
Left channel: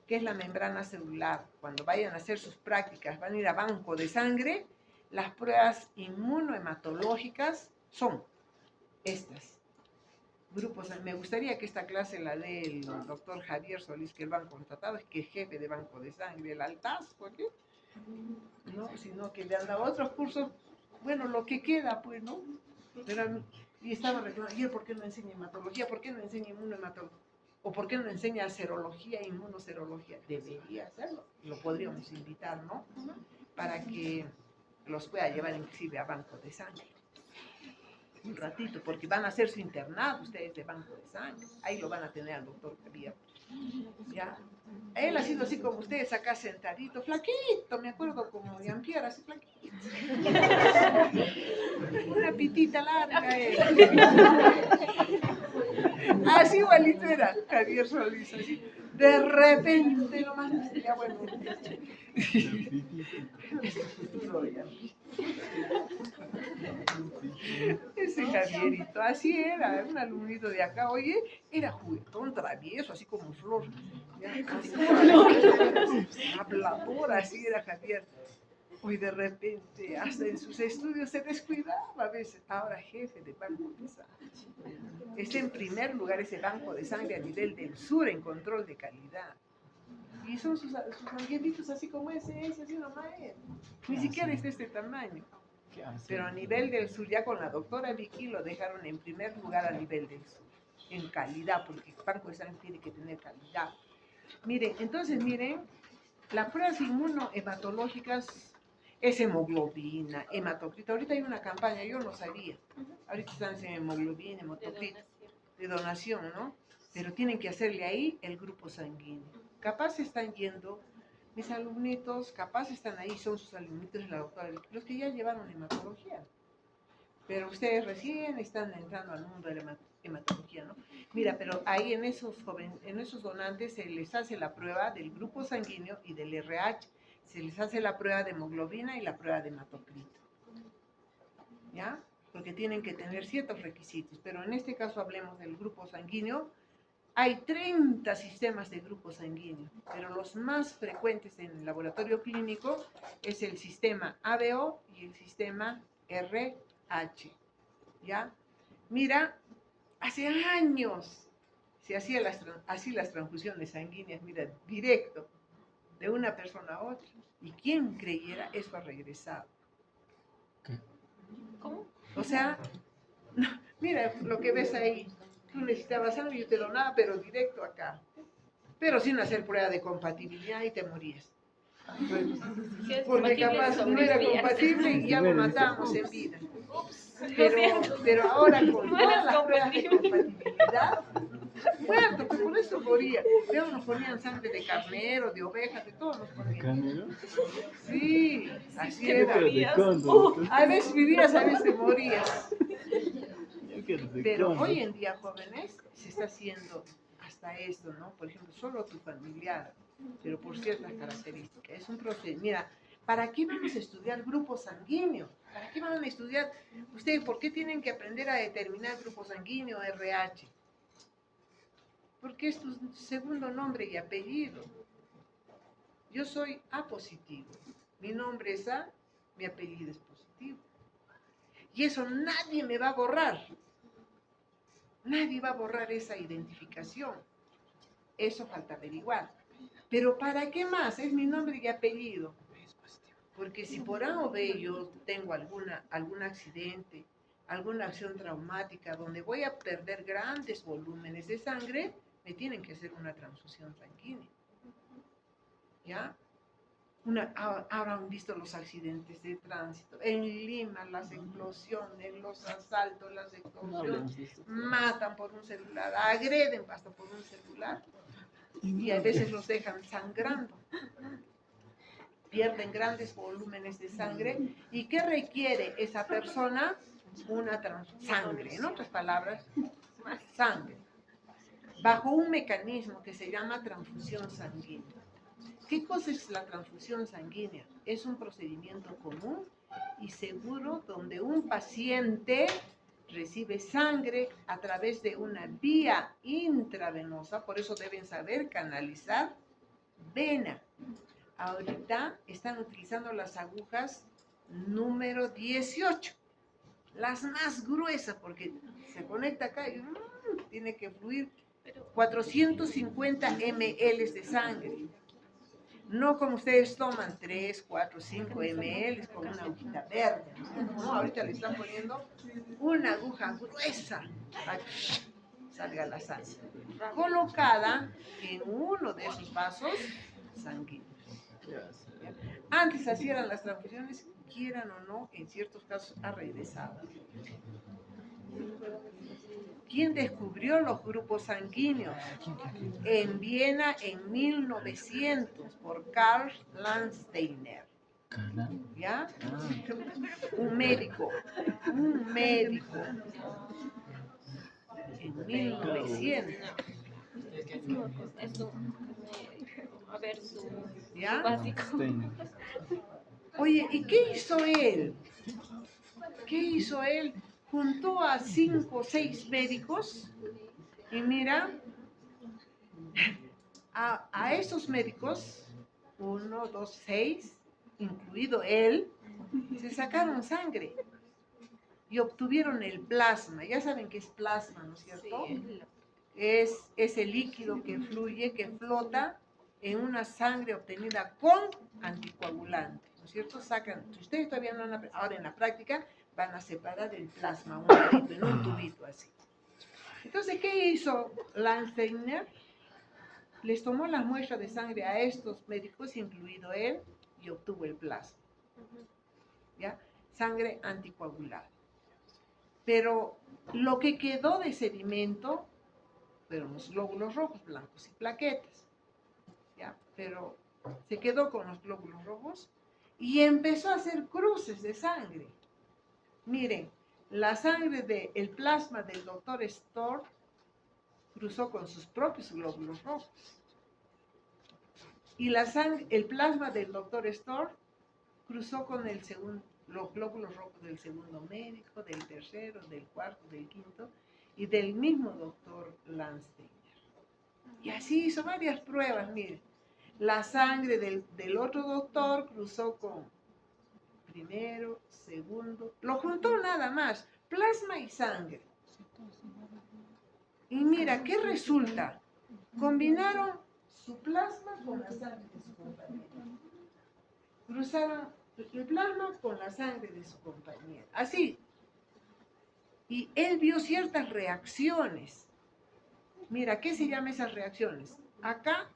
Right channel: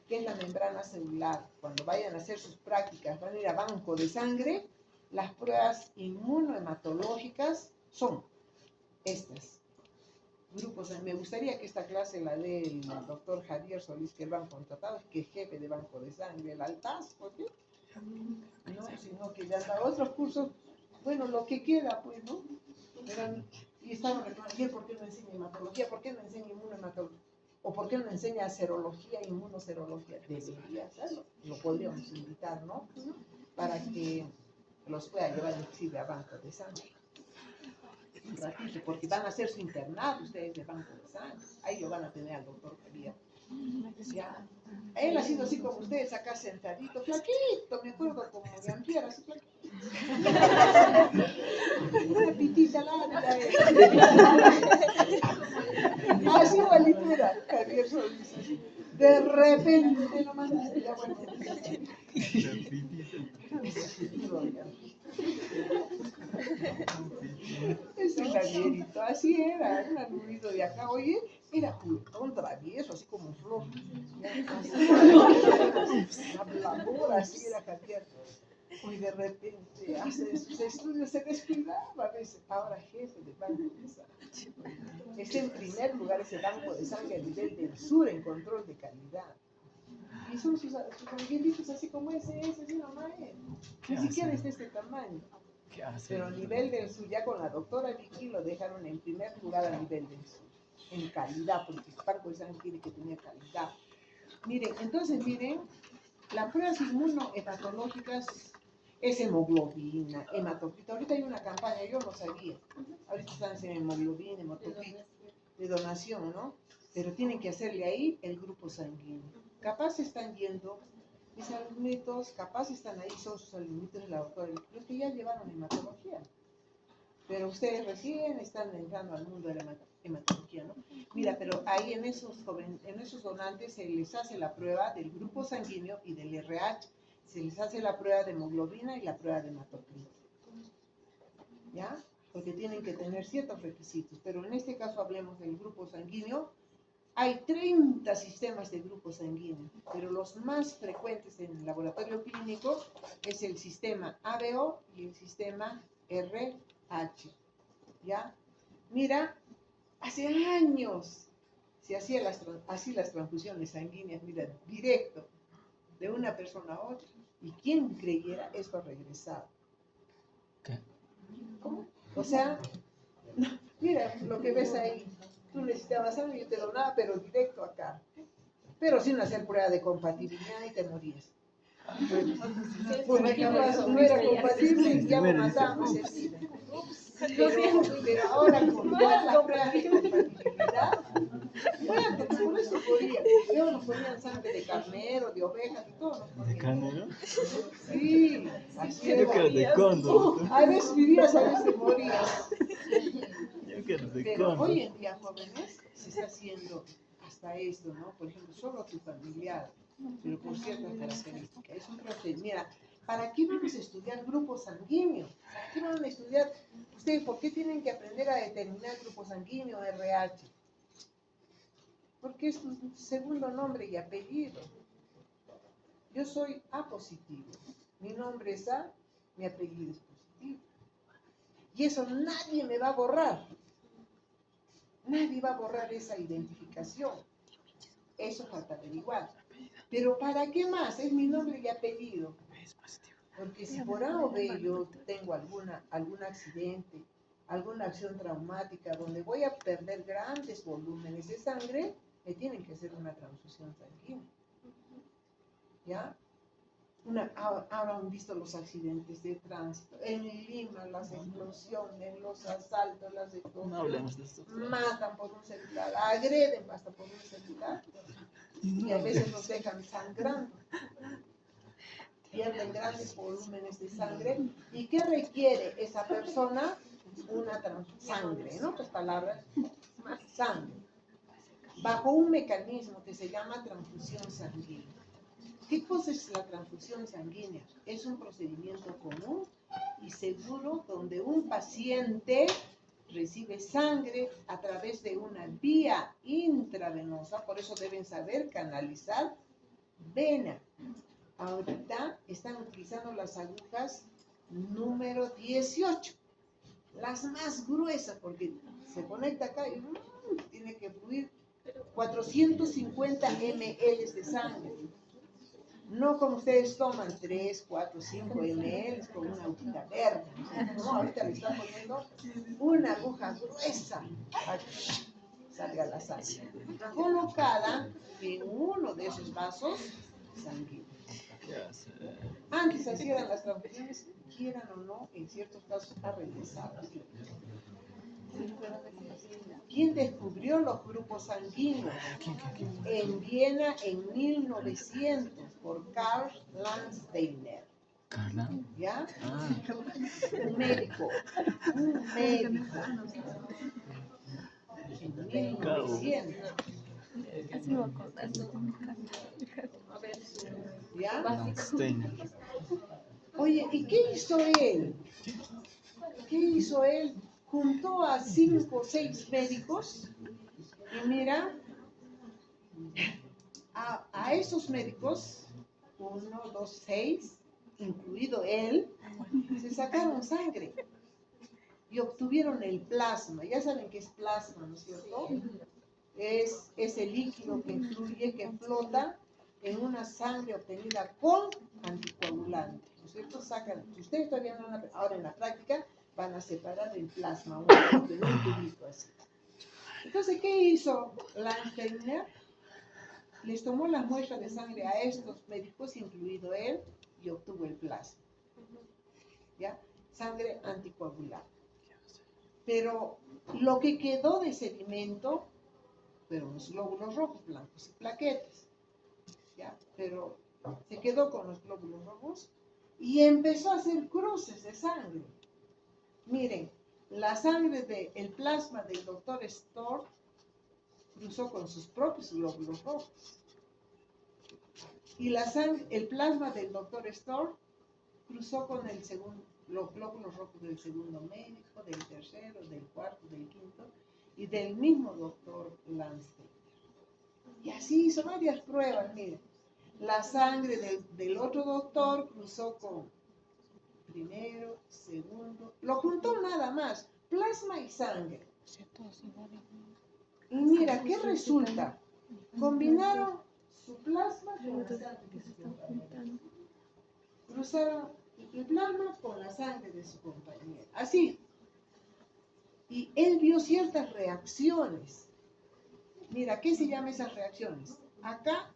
que es la membrana celular. Cuando vayan a hacer sus prácticas, van a ir a banco de sangre, las pruebas inmunohematológicas son estas. Grupos, me gustaría que esta clase la dé el doctor Javier Solís, que lo han contratado, es que es jefe de banco de sangre, el altaz, ¿por qué? No, sino que le han dado otros cursos, bueno, lo que queda, pues, ¿no? Pero, y estaba reclamando, ayer, ¿por qué no enseña hematología? ¿Por qué no enseña inmunohematología? ¿O por qué no enseña serología, inmunoserología? Debería hacerlo, lo podríamos invitar, ¿no? Para que los pueda llevar inclusive a banco de sangre. Un ratito, porque van a hacer su internado ustedes de banco de sangre. Ahí lo van a tener al doctor Javier. ¿Ya? Él ha sido así como ustedes acá sentadito, flaquito, me acuerdo como Jean-Pierre, así flaquito. Una pitita larga. Así igualito era Javier Solís, así. De repente lo más ya bueno. Ese Javierito, así era, un alumnito de acá, oye, era juguetón, travieso, así como flor, hablador, así era Javier. Hoy de repente, hasta en sus estudios se descuidaba a veces, ahora jefe de banco de sangre. Está en primer lugar ese banco de sangre a nivel del sur en control de calidad. Y son sus angelitos así como ese así nomás es. Ni siquiera es de este tamaño. Pero a nivel del sur, ya con la doctora Vicky lo dejaron en primer lugar a nivel del sur, en calidad, porque el banco de sangre tiene que tener calidad. Miren, entonces miren, las pruebas inmunohematológicas es hemoglobina, hematocrito. Ahorita hay una campaña, yo no sabía. Ahorita están haciendo hemoglobina, hematocrito, de donación, ¿no? Pero tienen que hacerle ahí el grupo sanguíneo. Capaz están yendo, mis alumnitos, capaz están ahí, son sus alumnitos de la doctora, los que ya llevaron hematología. Pero ustedes recién están entrando al mundo de la hematología, ¿no? Mira, pero ahí en esos donantes se les hace la prueba del grupo sanguíneo y del RH. se les hace la prueba de hemoglobina y la prueba de hematocrito. ¿Ya? Porque tienen que tener ciertos requisitos, pero en este caso hablemos del grupo sanguíneo. Hay 30 sistemas de grupo sanguíneo, pero los más frecuentes en el laboratorio clínico es el sistema ABO y el sistema RH. ¿Ya? Mira, hace años se hacían así las transfusiones sanguíneas, mira, directo, de una persona a otra. Y quien creyera, eso ha regresado. ¿Qué? ¿Cómo? O sea, mira lo que ves ahí. Tú necesitabas sangre, yo te donaba, pero directo acá. Pero sin hacer prueba de compatibilidad y te morías. Si es Porque compatible, capaz no era sobrevivías. compatible y ya lo Bueno, matábamos en ups. vida. Ups, lo Pero siento. ahora con No todas eras las pruebas de compatible. compatibilidad, muerto, por eso moría. Luego nos ponían sangre de carnero, de oveja, de todo nos ¿De ponían. carnero? Sí, así que era. Yo quiero de morías. cóndor. A veces vivías, a veces morías. Yo quiero de Pero cóndor. hoy en día, jóvenes, se está haciendo hasta esto, ¿no? Por ejemplo, solo tu familiar, pero por ciertas características. Es un procedimiento. Mira, ¿para qué vamos a estudiar grupo sanguíneo? ¿Para qué van a estudiar? Ustedes, ¿por qué tienen que aprender a determinar grupo sanguíneo RH? Porque es tu segundo nombre y apellido. Yo soy A positivo. Mi nombre es A, mi apellido es positivo. Y eso nadie me va a borrar. Nadie va a borrar esa identificación. Eso falta averiguar. Pero ¿para qué más? Es mi nombre y apellido. Porque si por A o B yo tengo algún accidente, alguna acción traumática donde voy a perder grandes volúmenes de sangre, me tienen que hacer una transfusión sanguínea. ¿Ya? Habrán visto los accidentes de tránsito. En Lima, las explosiones, los asaltos, las No extorsiones, hablemos de esto. matan por un celular, agreden hasta por un celular y a veces los dejan sangrando. Pierden grandes volúmenes de sangre. ¿Y qué requiere esa persona? Una sangre, en otras palabras, sangre, bajo un mecanismo que se llama transfusión sanguínea. ¿Qué cosa es la transfusión sanguínea? Es un procedimiento común y seguro donde un paciente recibe sangre a través de una vía intravenosa, por eso deben saber canalizar vena. Ahorita están utilizando las agujas número 18, las más gruesas, porque se conecta acá y tiene que fluir 450 ml de sangre. No como ustedes toman 3, 4, 5 ml con una agujita verde. No, ahorita le están poniendo una aguja gruesa para que salga la sangre, colocada en uno de esos vasos sanguíneos. Antes hacían las transfusiones, quieran o no, en ciertos casos ha regresado. ¿Quién descubrió los grupos sanguíneos? En Viena en 1900 por Karl Landsteiner. ¿Carla? ¿Ya? Ah, Un médico. En 1900. A ver, su ¿Ya? básico. Steiner. Oye, ¿y qué hizo él? ¿Qué hizo él? Juntó a 5 o 6 médicos y mira, a esos médicos, 1, 2, 6, incluido él, se sacaron sangre y obtuvieron el plasma. Ya saben qué es plasma, ¿no es cierto? Es ese líquido que fluye, que flota en una sangre obtenida con anticoagulante, ¿no es cierto? Sacan, si ustedes todavía no han, ahora en la práctica, van a separar el plasma en un tubito así. Entonces, ¿qué hizo Landsteiner? Les tomó la muestra de sangre a estos médicos, incluido él, y obtuvo el plasma. ¿Ya? Sangre anticoagulada. Pero lo que quedó de sedimento fueron los glóbulos rojos, blancos y plaquetas. ¿Ya? Pero se quedó con los glóbulos rojos y empezó a hacer cruces de sangre. Miren, la sangre del plasma del doctor Storr cruzó con sus propios glóbulos rojos. Y la sangre, el plasma del doctor Storr cruzó con los glóbulos rojos del segundo médico, del tercero, del cuarto, del quinto y del mismo doctor Landsteiner. Y así hizo varias pruebas, miren. La sangre del otro doctor cruzó con primero, segundo, lo juntó nada más, plasma y sangre. Y mira, ¿qué resulta? Combinaron su plasma con la sangre de su compañero. Cruzaron el plasma con la sangre de su compañero. Así. Y él vio ciertas reacciones. Mira, ¿qué se llaman esas reacciones? Acá,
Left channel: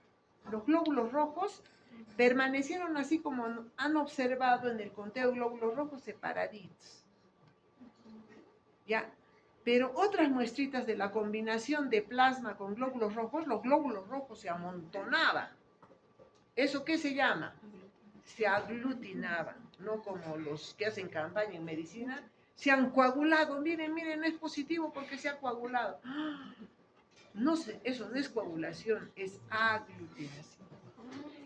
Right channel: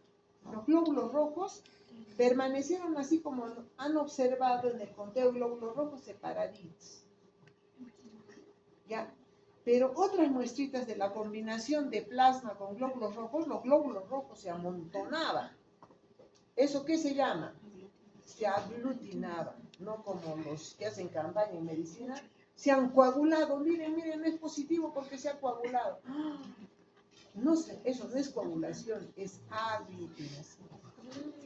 los glóbulos rojos permanecieron así como han observado en el conteo de glóbulos rojos separaditos. ¿Ya? Pero otras muestritas de la combinación de plasma con glóbulos rojos, los glóbulos rojos se amontonaban. ¿Eso qué se llama? Se aglutinaban, no como los que hacen campaña en medicina, se han coagulado. Miren, miren, no es positivo porque se ha coagulado. No sé, eso no es coagulación, es aglutinación.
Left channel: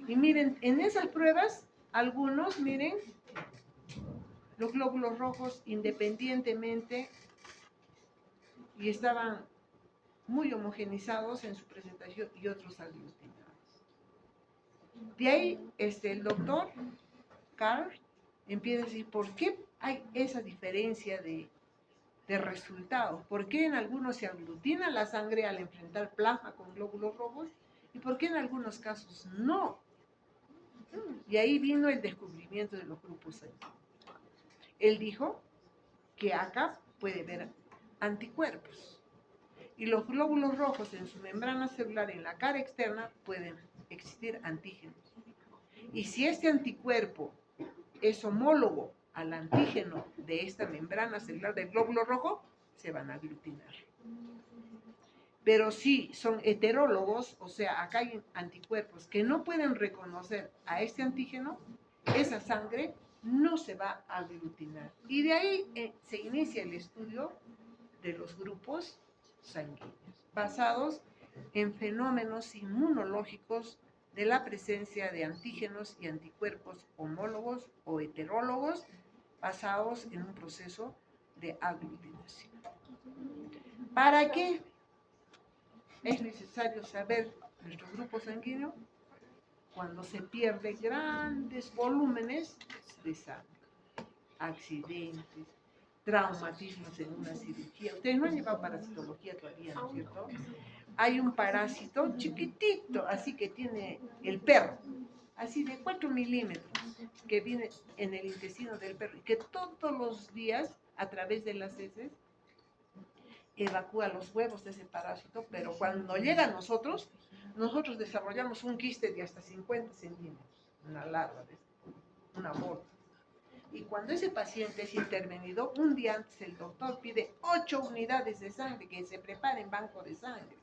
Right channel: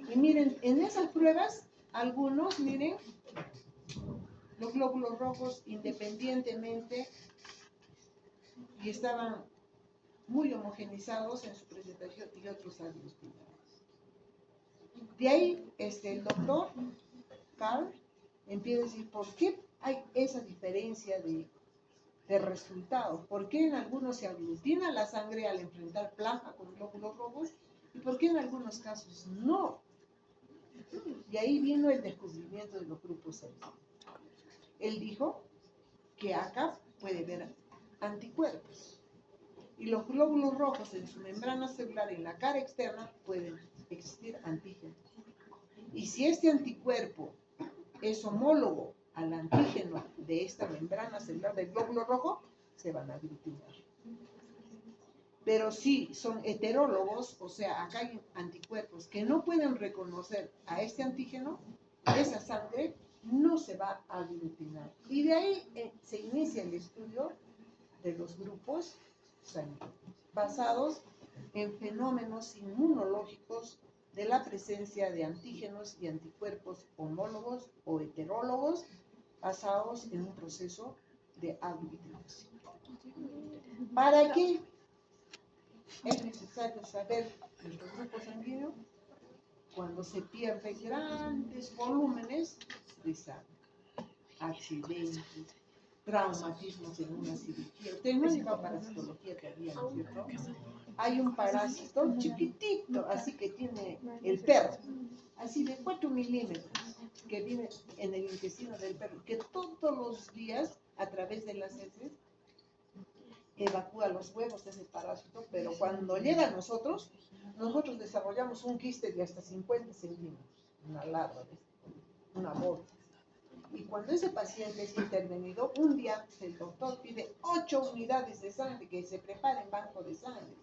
Y miren, en esas pruebas, algunos, miren, los glóbulos rojos independientemente y estaban muy homogenizados en su presentación y otros aglutinados. De ahí, el doctor Carl empieza a decir, ¿por qué hay esa diferencia de resultados? ¿Por qué en algunos se aglutina la sangre al enfrentar plasma con glóbulos rojos? ¿Y por qué en algunos casos no? Y ahí vino el descubrimiento de los grupos sanguíneos. Él dijo que acá puede haber anticuerpos. Y los glóbulos rojos en su membrana celular, en la cara externa, pueden existir antígenos. Y si este anticuerpo es homólogo al antígeno de esta membrana celular del glóbulo rojo, se van a aglutinar. Pero si son heterólogos, o sea, acá hay anticuerpos que no pueden reconocer a este antígeno, esa sangre no se va a aglutinar. Y de ahí se inicia el estudio de los grupos sanguíneos, basados en fenómenos inmunológicos de la presencia de antígenos y anticuerpos homólogos o heterólogos basados en un proceso de aglutinación. ¿Para qué es necesario saber nuestro grupo sanguíneo? Cuando se pierden grandes volúmenes de sangre, accidentes, traumatismos en una cirugía. Ustedes no han llevado parasitología todavía, ¿no es cierto? Hay un parásito chiquitito, así que tiene el perro, así de 4 milímetros, que viene en el intestino del perro y que todos los días, a través de las heces, evacúa los huevos de ese parásito, pero cuando llega a nosotros desarrollamos un quiste de hasta 50 centímetros, una larva, una bola. Y cuando ese paciente es intervenido, un día antes el doctor pide 8 unidades de sangre, que se prepare en banco de sangre.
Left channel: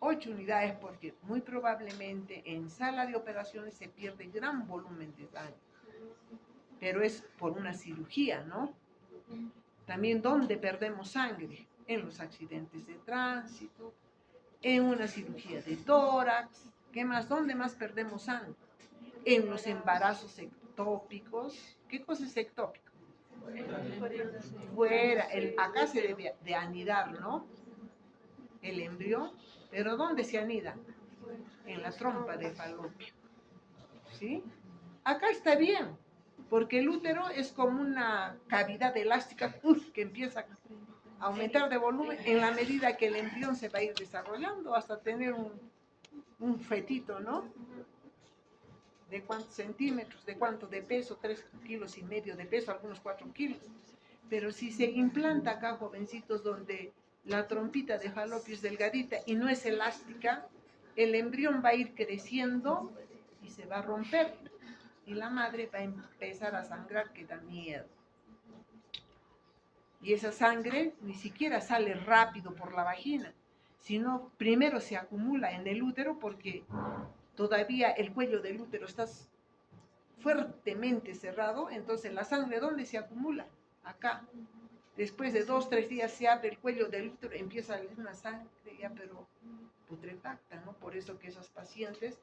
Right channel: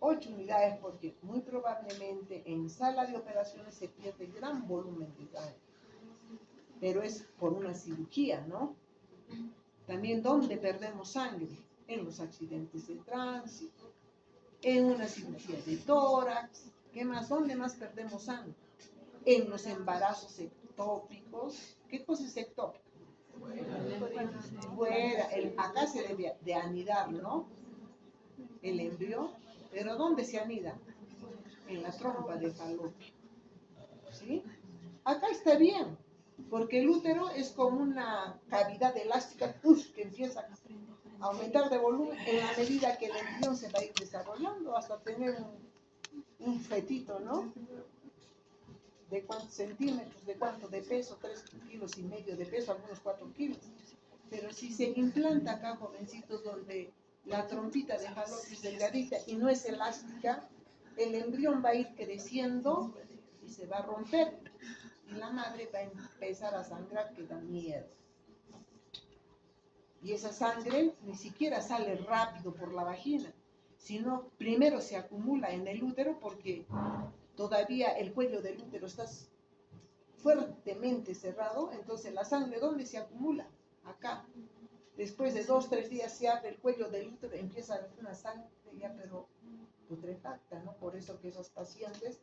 8 unidades porque muy probablemente en sala de operaciones se pierde gran volumen de sangre. Pero es por una cirugía, ¿no? También, ¿dónde perdemos sangre? En los accidentes de tránsito, en una cirugía de tórax. ¿Qué más? ¿Dónde más perdemos sangre? En los embarazos ectópicos. ¿Qué cosa es ectópico? Fuera. Acá se debe de anidar, ¿no? El embrión. ¿Pero dónde se anida? En la trompa de falopio. ¿Sí? Acá está bien, porque el útero es como una cavidad elástica que empieza a aumentar de volumen en la medida que el embrión se va a ir desarrollando hasta tener un fetito, ¿no? ¿De cuántos centímetros? ¿De cuánto? De peso, 3,5 kilos de peso, algunos 4 kilos. Pero si se implanta acá, jovencitos, donde la trompita de falopio es delgadita y no es elástica, el embrión va a ir creciendo y se va a romper. Y la madre va a empezar a sangrar, que da miedo. Y esa sangre ni siquiera sale rápido por la vagina, sino primero se acumula en el útero porque todavía el cuello del útero está fuertemente cerrado. Entonces la sangre, ¿dónde se acumula? Acá. Después de 2 o 3 días se abre el cuello del útero, empieza a salir una sangre ya pero putrefacta, ¿no? Por eso que esos pacientes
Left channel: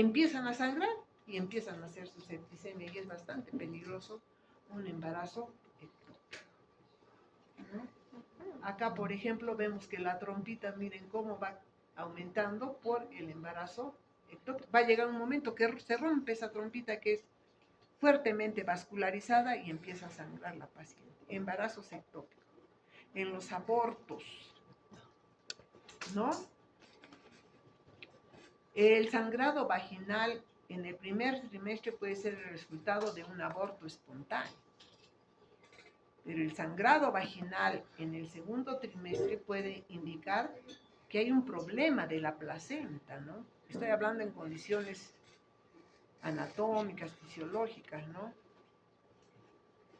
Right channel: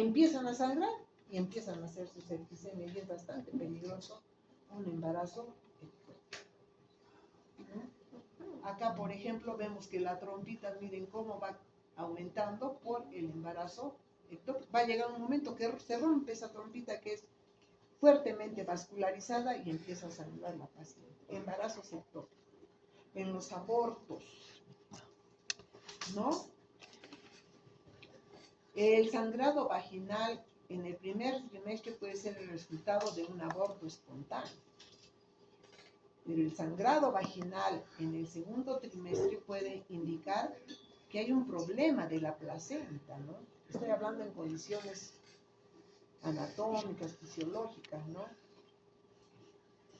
empiezan a sangrar y empiezan a hacer su septicemia y es bastante peligroso un embarazo ectópico, ¿no? Acá, por ejemplo, vemos que la trompita, miren cómo va aumentando por el embarazo ectópico. Va a llegar un momento que se rompe esa trompita que es fuertemente vascularizada y empieza a sangrar la paciente. Embarazos ectópicos. En los abortos, ¿no? El sangrado vaginal en el primer trimestre puede ser el resultado de un aborto espontáneo. Pero el sangrado vaginal en el segundo trimestre puede indicar que hay un problema de la placenta, ¿no? Estoy hablando en condiciones anatómicas, fisiológicas, ¿no?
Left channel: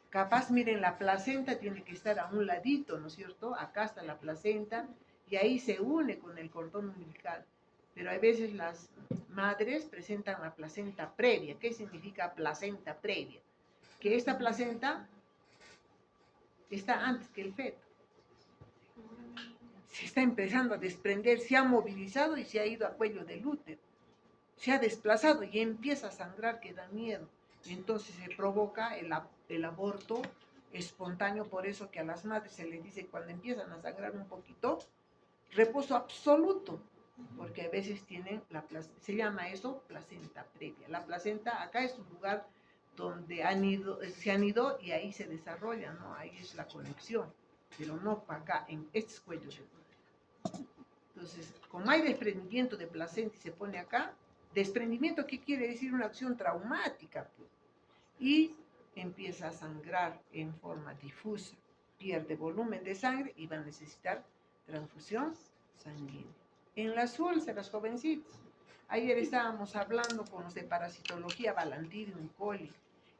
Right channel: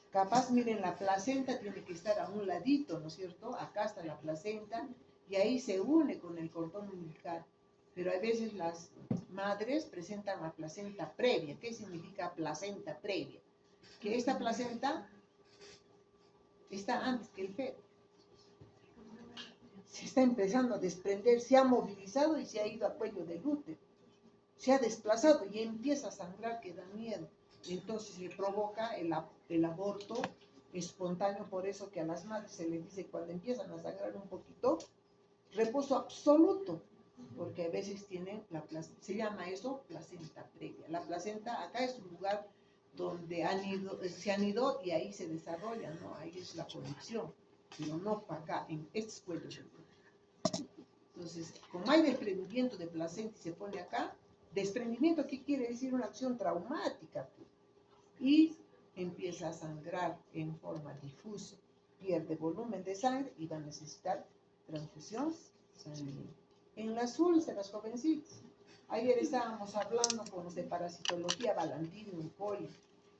Capaz, miren, la placenta tiene que estar a un ladito, ¿no es cierto? Acá está la placenta y ahí se une con el cordón umbilical. Pero hay veces las madres presentan la placenta previa. ¿Qué significa placenta previa? Que esta placenta está antes que el feto. Se está empezando a desprender, se ha movilizado y se ha ido a cuello del útero. Se ha desplazado y empieza a sangrar, que da miedo. Y entonces se provoca el aborto espontáneo. Por eso que a las madres se les dice, cuando empiezan a sangrar un poquito, reposo absoluto, porque a veces tienen se llama eso placenta previa. La placenta acá es un lugar donde se han ido y ahí se desarrolla, ¿no? Ahí es la conexión, pero no para acá, en estos cuellos del útero. Entonces, como hay desprendimiento de placenta y se pone acá, desprendimiento, ¿qué quiere decir? Una acción traumática, pues. Y empieza a sangrar en forma difusa, pierde volumen de sangre y va a necesitar transfusión sanguínea. En las úlceras, jovencitos, ayer estábamos hablando con los de parasitología, Balantidium coli,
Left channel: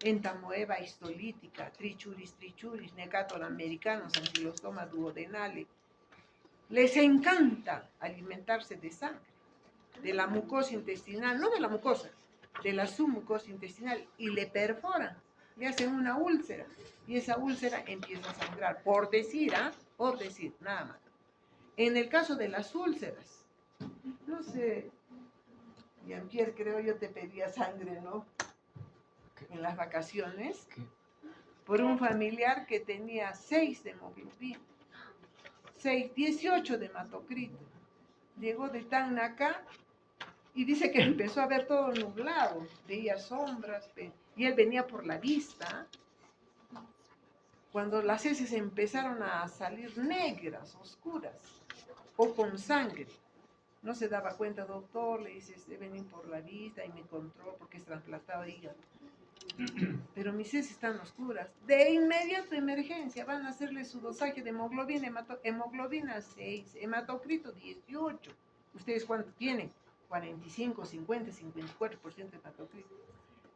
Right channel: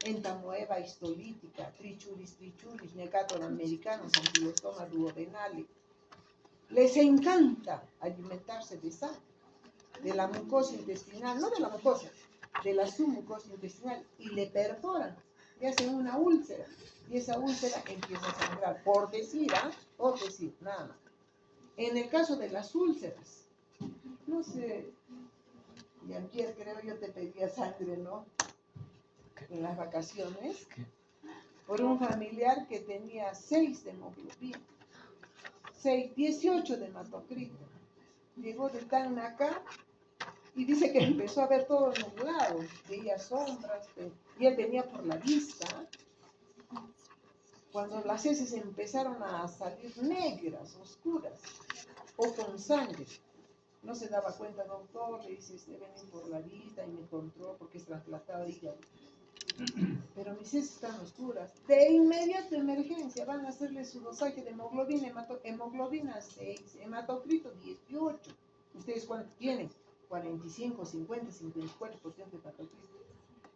entamoeba histolítica, trichuris, necator americanos, ankylostoma duodenale. Les encanta alimentarse de sangre, de la mucosa intestinal, no de la mucosa, de la submucosa intestinal, y le perforan, le hacen una úlcera, y esa úlcera empieza a sangrar, por decir, nada más. En el caso de las úlceras, no sé, Jean-Pierre, creo yo te pedía sangre, ¿no? En las vacaciones, por un familiar que tenía 6 de hemoglobina, 18 de hematocrito. Llegó de Tacna acá y dice que empezó a ver todo nublado, veía sombras, y él venía por la vista. Cuando las heces empezaron a salir negras, oscuras, o con sangre, no se daba cuenta, doctor, le dice, venir por la vista y me controló porque es trasplantado hígado. Pero mis heces están oscuras. De inmediato, emergencia, van a hacerle su dosaje de hemoglobina, hemoglobina 6, hematocrito 18. ¿Ustedes cuánto tienen? 45, 50, 54% de hematocrito.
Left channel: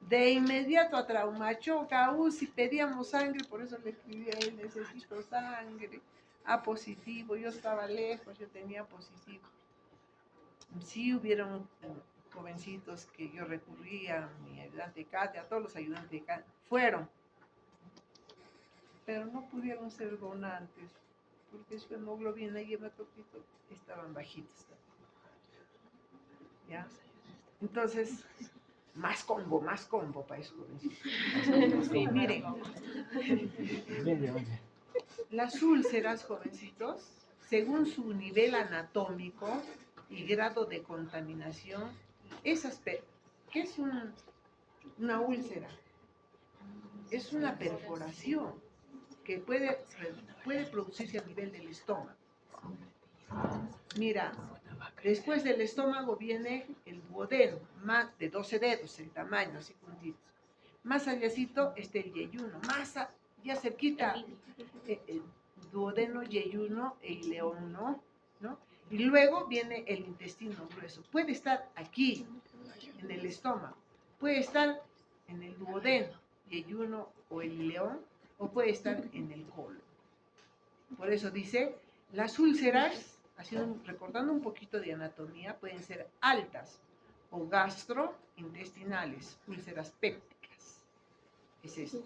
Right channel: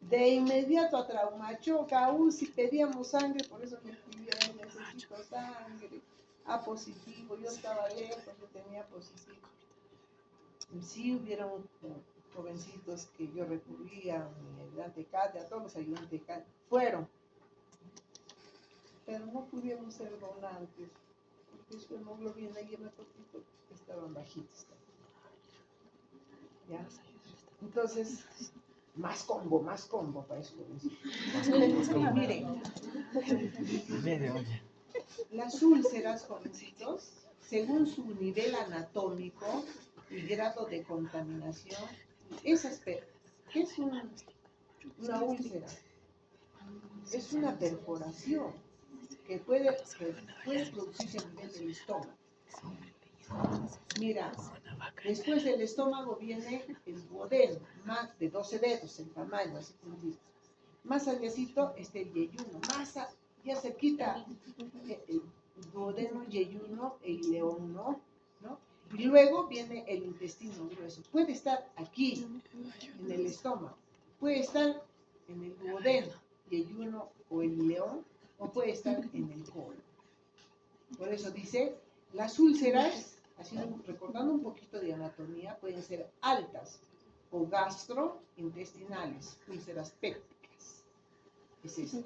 De inmediato a Traumachoca, UCI, pedíamos sangre, por eso le escribí a él, necesito sangre. A positivo, yo estaba lejos, yo tenía positivo. Sí hubieron jovencitos que yo recurría, a mi ayudante Katia, a todos los ayudantes de Katia, fueron, pero no pudieron ser donantes, porque su hemoglobina y hematocrito estaban bajitos. ¿Ya? Entonces, más combo para esos jovencitos. Sí, miren, las úlceras, jovencitos, según su nivel anatómico y grado de contaminación, ¿qué es una úlcera? Es una perforación que puede producirse a nivel del estómago. Mira, después del estómago viene el duodeno, más de 12 dedos el tamaño, así puntitos. Más allácito está el yeyuno, ya cerquita, el duodeno, yeyuno e ileón, ¿no? Y luego viene el intestino grueso. Puede estar aquí, en el estómago, puede estar en el duodeno, yeyuno o el ileón, o puede estar en el colon. Por eso dice, las úlceras, recordando un poquito de anatomía, pueden ser altas o gastrointestinales, úlceras pépticas. Es esto.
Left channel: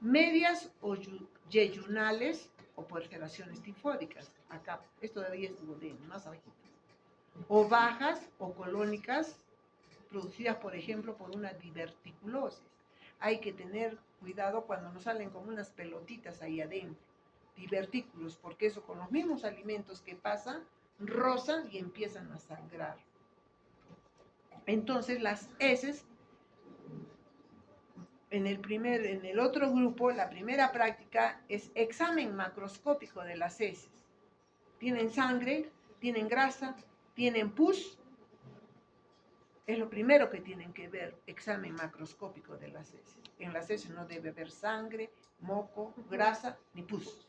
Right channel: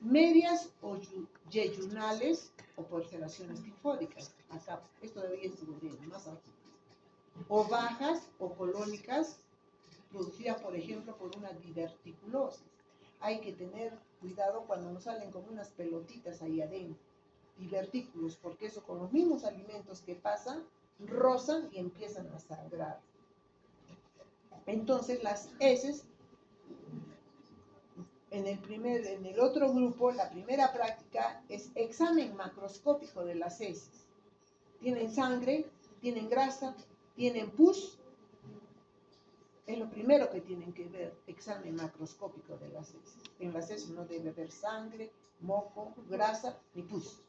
Medias o yeyunales o perforaciones tifódicas. Acá, esto todavía es duodeno, más bajito. O bajas o colónicas, producidas, por ejemplo, por una diverticulosis. Hay que tener cuidado cuando nos salen como unas pelotitas ahí adentro, divertículos, porque eso con los mismos alimentos que pasan, rozan y empiezan a sangrar. Entonces las heces, en el otro grupo, la primera práctica es examen macroscópico de las heces. Tienen sangre, tienen grasa, tienen pus. Es lo primero que tienen que ver, examen macroscópico de las heces. En las heces no debe haber sangre, moco, grasa ni pus.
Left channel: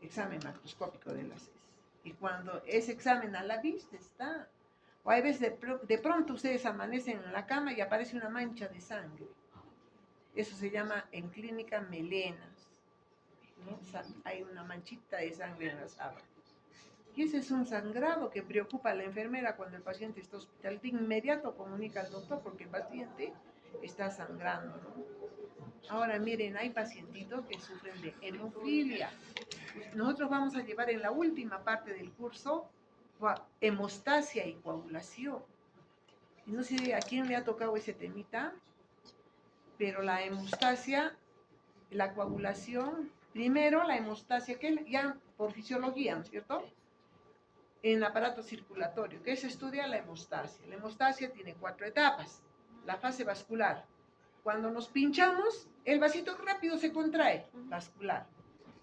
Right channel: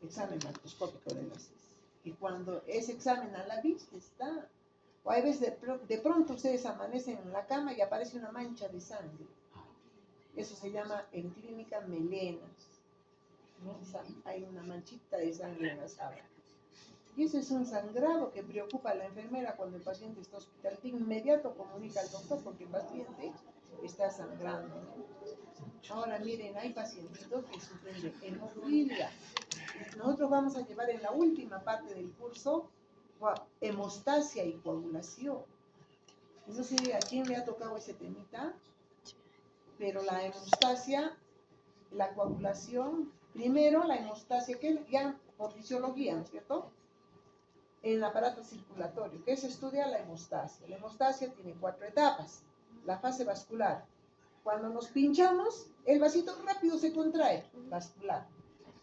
Examen macroscópico de las heces. Y cuando ese examen a la vista está, o hay veces de pronto ustedes amanecen en la cama y aparece una mancha de sangre. Eso se llama en clínica melenas, ¿no? Hay una manchita de sangre en la sábana. Y ese es un sangrado que preocupa a la enfermera cuando el paciente está hospital. De inmediato comunica al doctor porque el paciente está sangrando, ¿no? Ahora miren, hay pacientitos que sufren de hemofilia. Nosotros vamos a llevar en la última parte del curso hemostasia y coagulación. Y no sé a quién le ha tocado ese temita, pero la hemostasia, la coagulación, primero la hemostasia, que ya por fisiología, ¿no es cierto? En el aparato circulatorio, que se estudia la hemostasia. La hemostasia tiene 4 etapas. La fase vascular. Cuando nos pinchamos, el vasito rápido se contrae, vascular.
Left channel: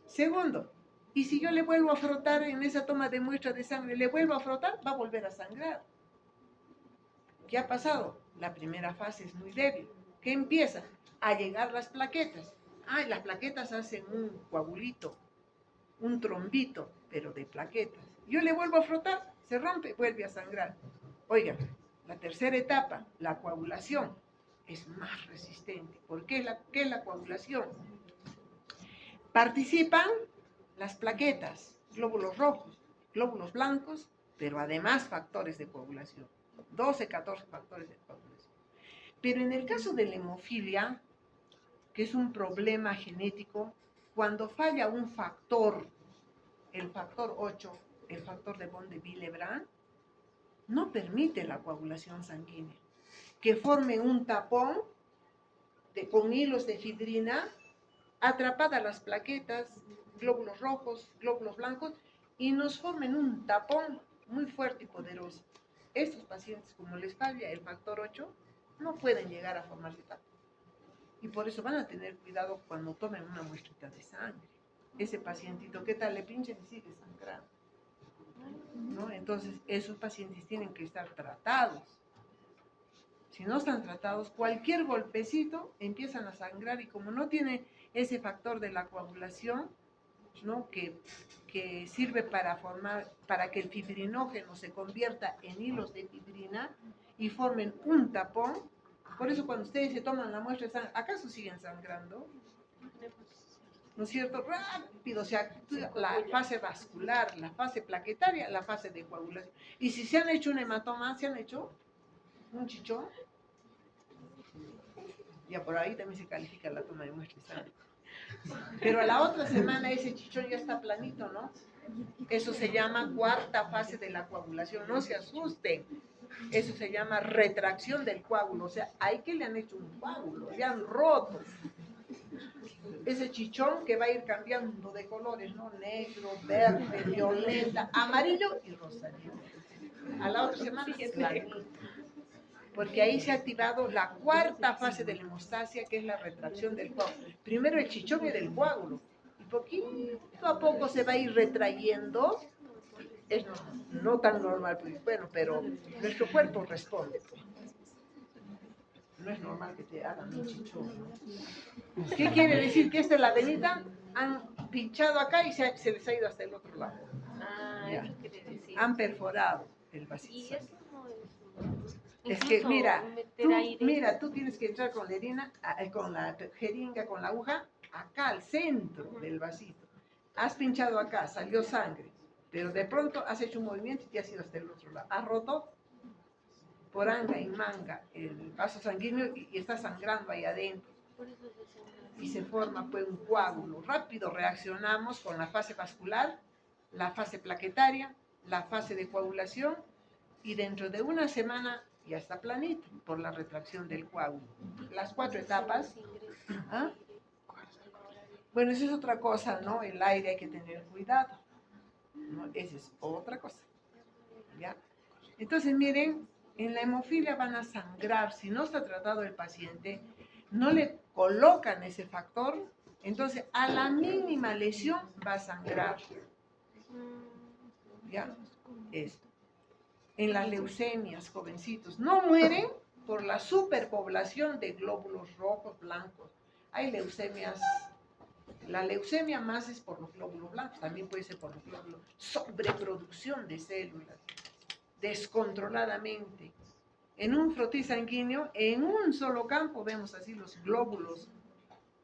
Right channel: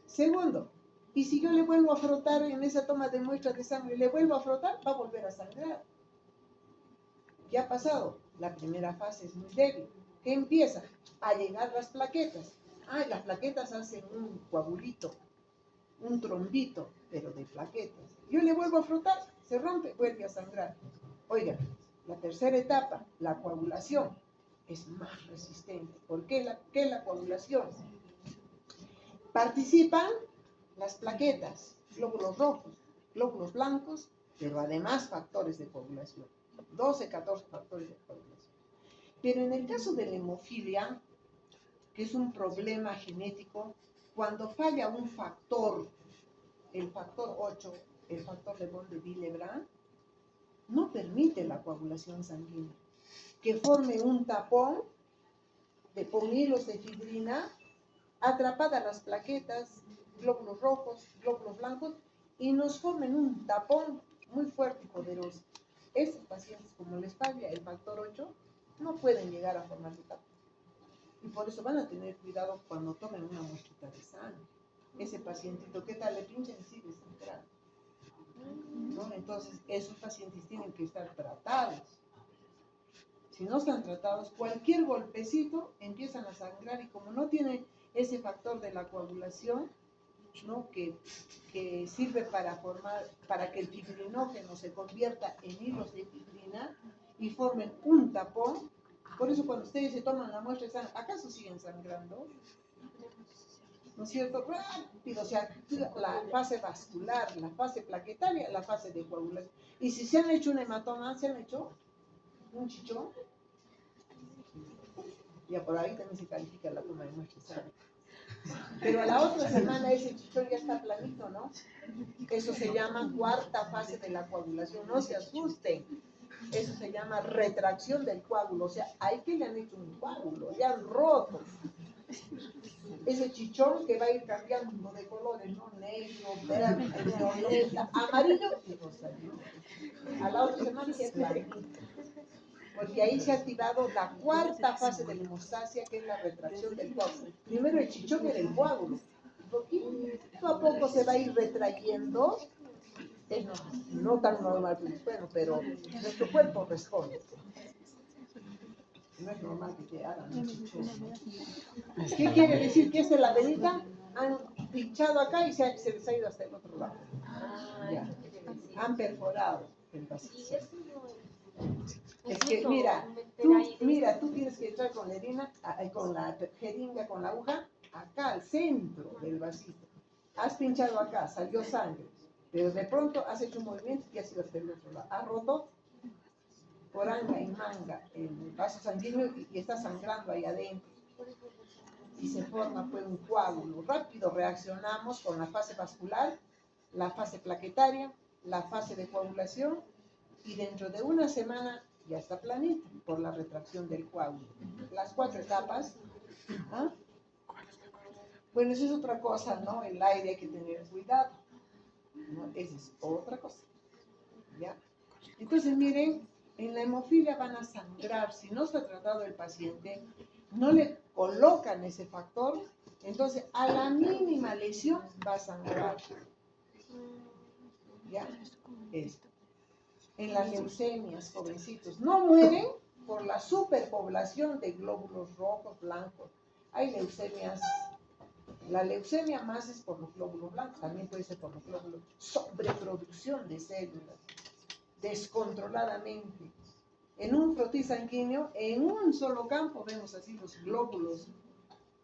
Segundo, y si yo le vuelvo a frotar en esa toma de muestra de sangre, le vuelvo a frotar, va a volver a sangrar. ¿Qué ha pasado? La primera fase es muy débil. ¿Qué empieza? A llegar las plaquetas. Y las plaquetas hacen un coagulito, un trombito, pero de plaquetas. Yo le vuelvo a frotar, se rompe, vuelve a sangrar. Oigan, la tercera etapa, la coagulación, es más resistente. ¿Por qué? ¿Qué es la coagulación? Participan las plaquetas, glóbulos rojos, glóbulos blancos, pero además factores de coagulación. 12, 14 factores de coagulación. Pero en el caso de la hemofilia, que es un problema genético, cuando falla un factor, el factor 8, el factor de von de Willebrand, no permite la coagulación sanguínea, que forme un tapón con hilos de fibrina, atrapadas las plaquetas, glóbulos rojos, glóbulos blancos, y nos formen un tapón muy fuerte y poderoso. Estos pacientes, como les falla el factor 8, no pueden llegar a formarse tapón. Y por eso van a tener cuidado cuando tomen una muestrita de sangre. Ese pacientito, ¿qué tal? Le pinchan y sigue sangrando, ¿no? Entonces, esos pacientes tienen que estar tratados. Si no están tratados, cualquier golpecito empiezan a sangrar y como no tienen ese factor de la coagulación, ¿no? que sirve para que el fibrinógeno se convierta en hilos de fibrina y formen un tapón. Por eso cuando ustedes se toman la muestra, ¿acaso siguen sangrando? ¿No es cierto? Rápido, se actúa la fase vascular, la fase plaquetaria, la fase de coagulación. Y si se han hecho un hematoma, se han hecho un chichón, ya por ahí también se califica la toma de muestra de sangre. Pero a la otra semana ese chichón ya está planito, ¿no? Eso se llama cuarta fase de la coagulación, no se asusten. Eso se llama retracción del coágulo, o sea, ahí que le han hecho un coágulo, le han roto. Ese chichón que va a ir cambiando de colores, ¿no? Negro, verde, violeta, amarillo y rosadito. A la otra semana es planito. Porque ahí se ha activado la cuarta fase de la hemostasia, que es la retracción del coágulo. Primero el chichón era el coágulo, y poquito a poco se va a ir retrayendo. Es no tan normal, pues, bueno, pero nuestro cuerpo responde. No es normal que te hagan un chichón, ¿no? ¿Qué quiere decir? Que esta es la venita, han pinchado acá y se les ha ido hasta el otro lado. Ya. Eso quiere decir. Han perforado el vasito. Y eso Es que mira, tú tienes que entrar con la jeringa, con la aguja, acá al centro del vasito. Has pinchado acá, salió sangre, pero de pronto has hecho un movimiento y te has ido hasta el otro lado. Has roto por anga y manga el vaso sanguíneo y está sangrando ahí adentro. Y se forma pues un coágulo. Rápido reaccionamos con la fase vascular, la fase plaquetaria, la fase de coagulación, y dentro de una semana ya está planito por la retracción del coágulo. Las 4 etapas. ¿Ah? Bueno, eso es otra cosa, ¿no? El aire hay que tener cuidado, ¿no? Esa es otra cosa, ¿ya? Entonces, miren, en la hemofilia van a sangrar, si no está tratado el paciente, no le colocan ese factor, entonces a la mínima lesión va a sangrar, ¿ya? Esto. En las leucemias, jovencitos, no mueren por la superpoblación de glóbulos rojos, blancos. Hay leucemias. La leucemia más es por los glóbulos blancos, también puede ser por los glóbulos. Sobreproducción de células, descontroladamente. En un frotis sanguíneo, en un solo campo, vemos así los glóbulos,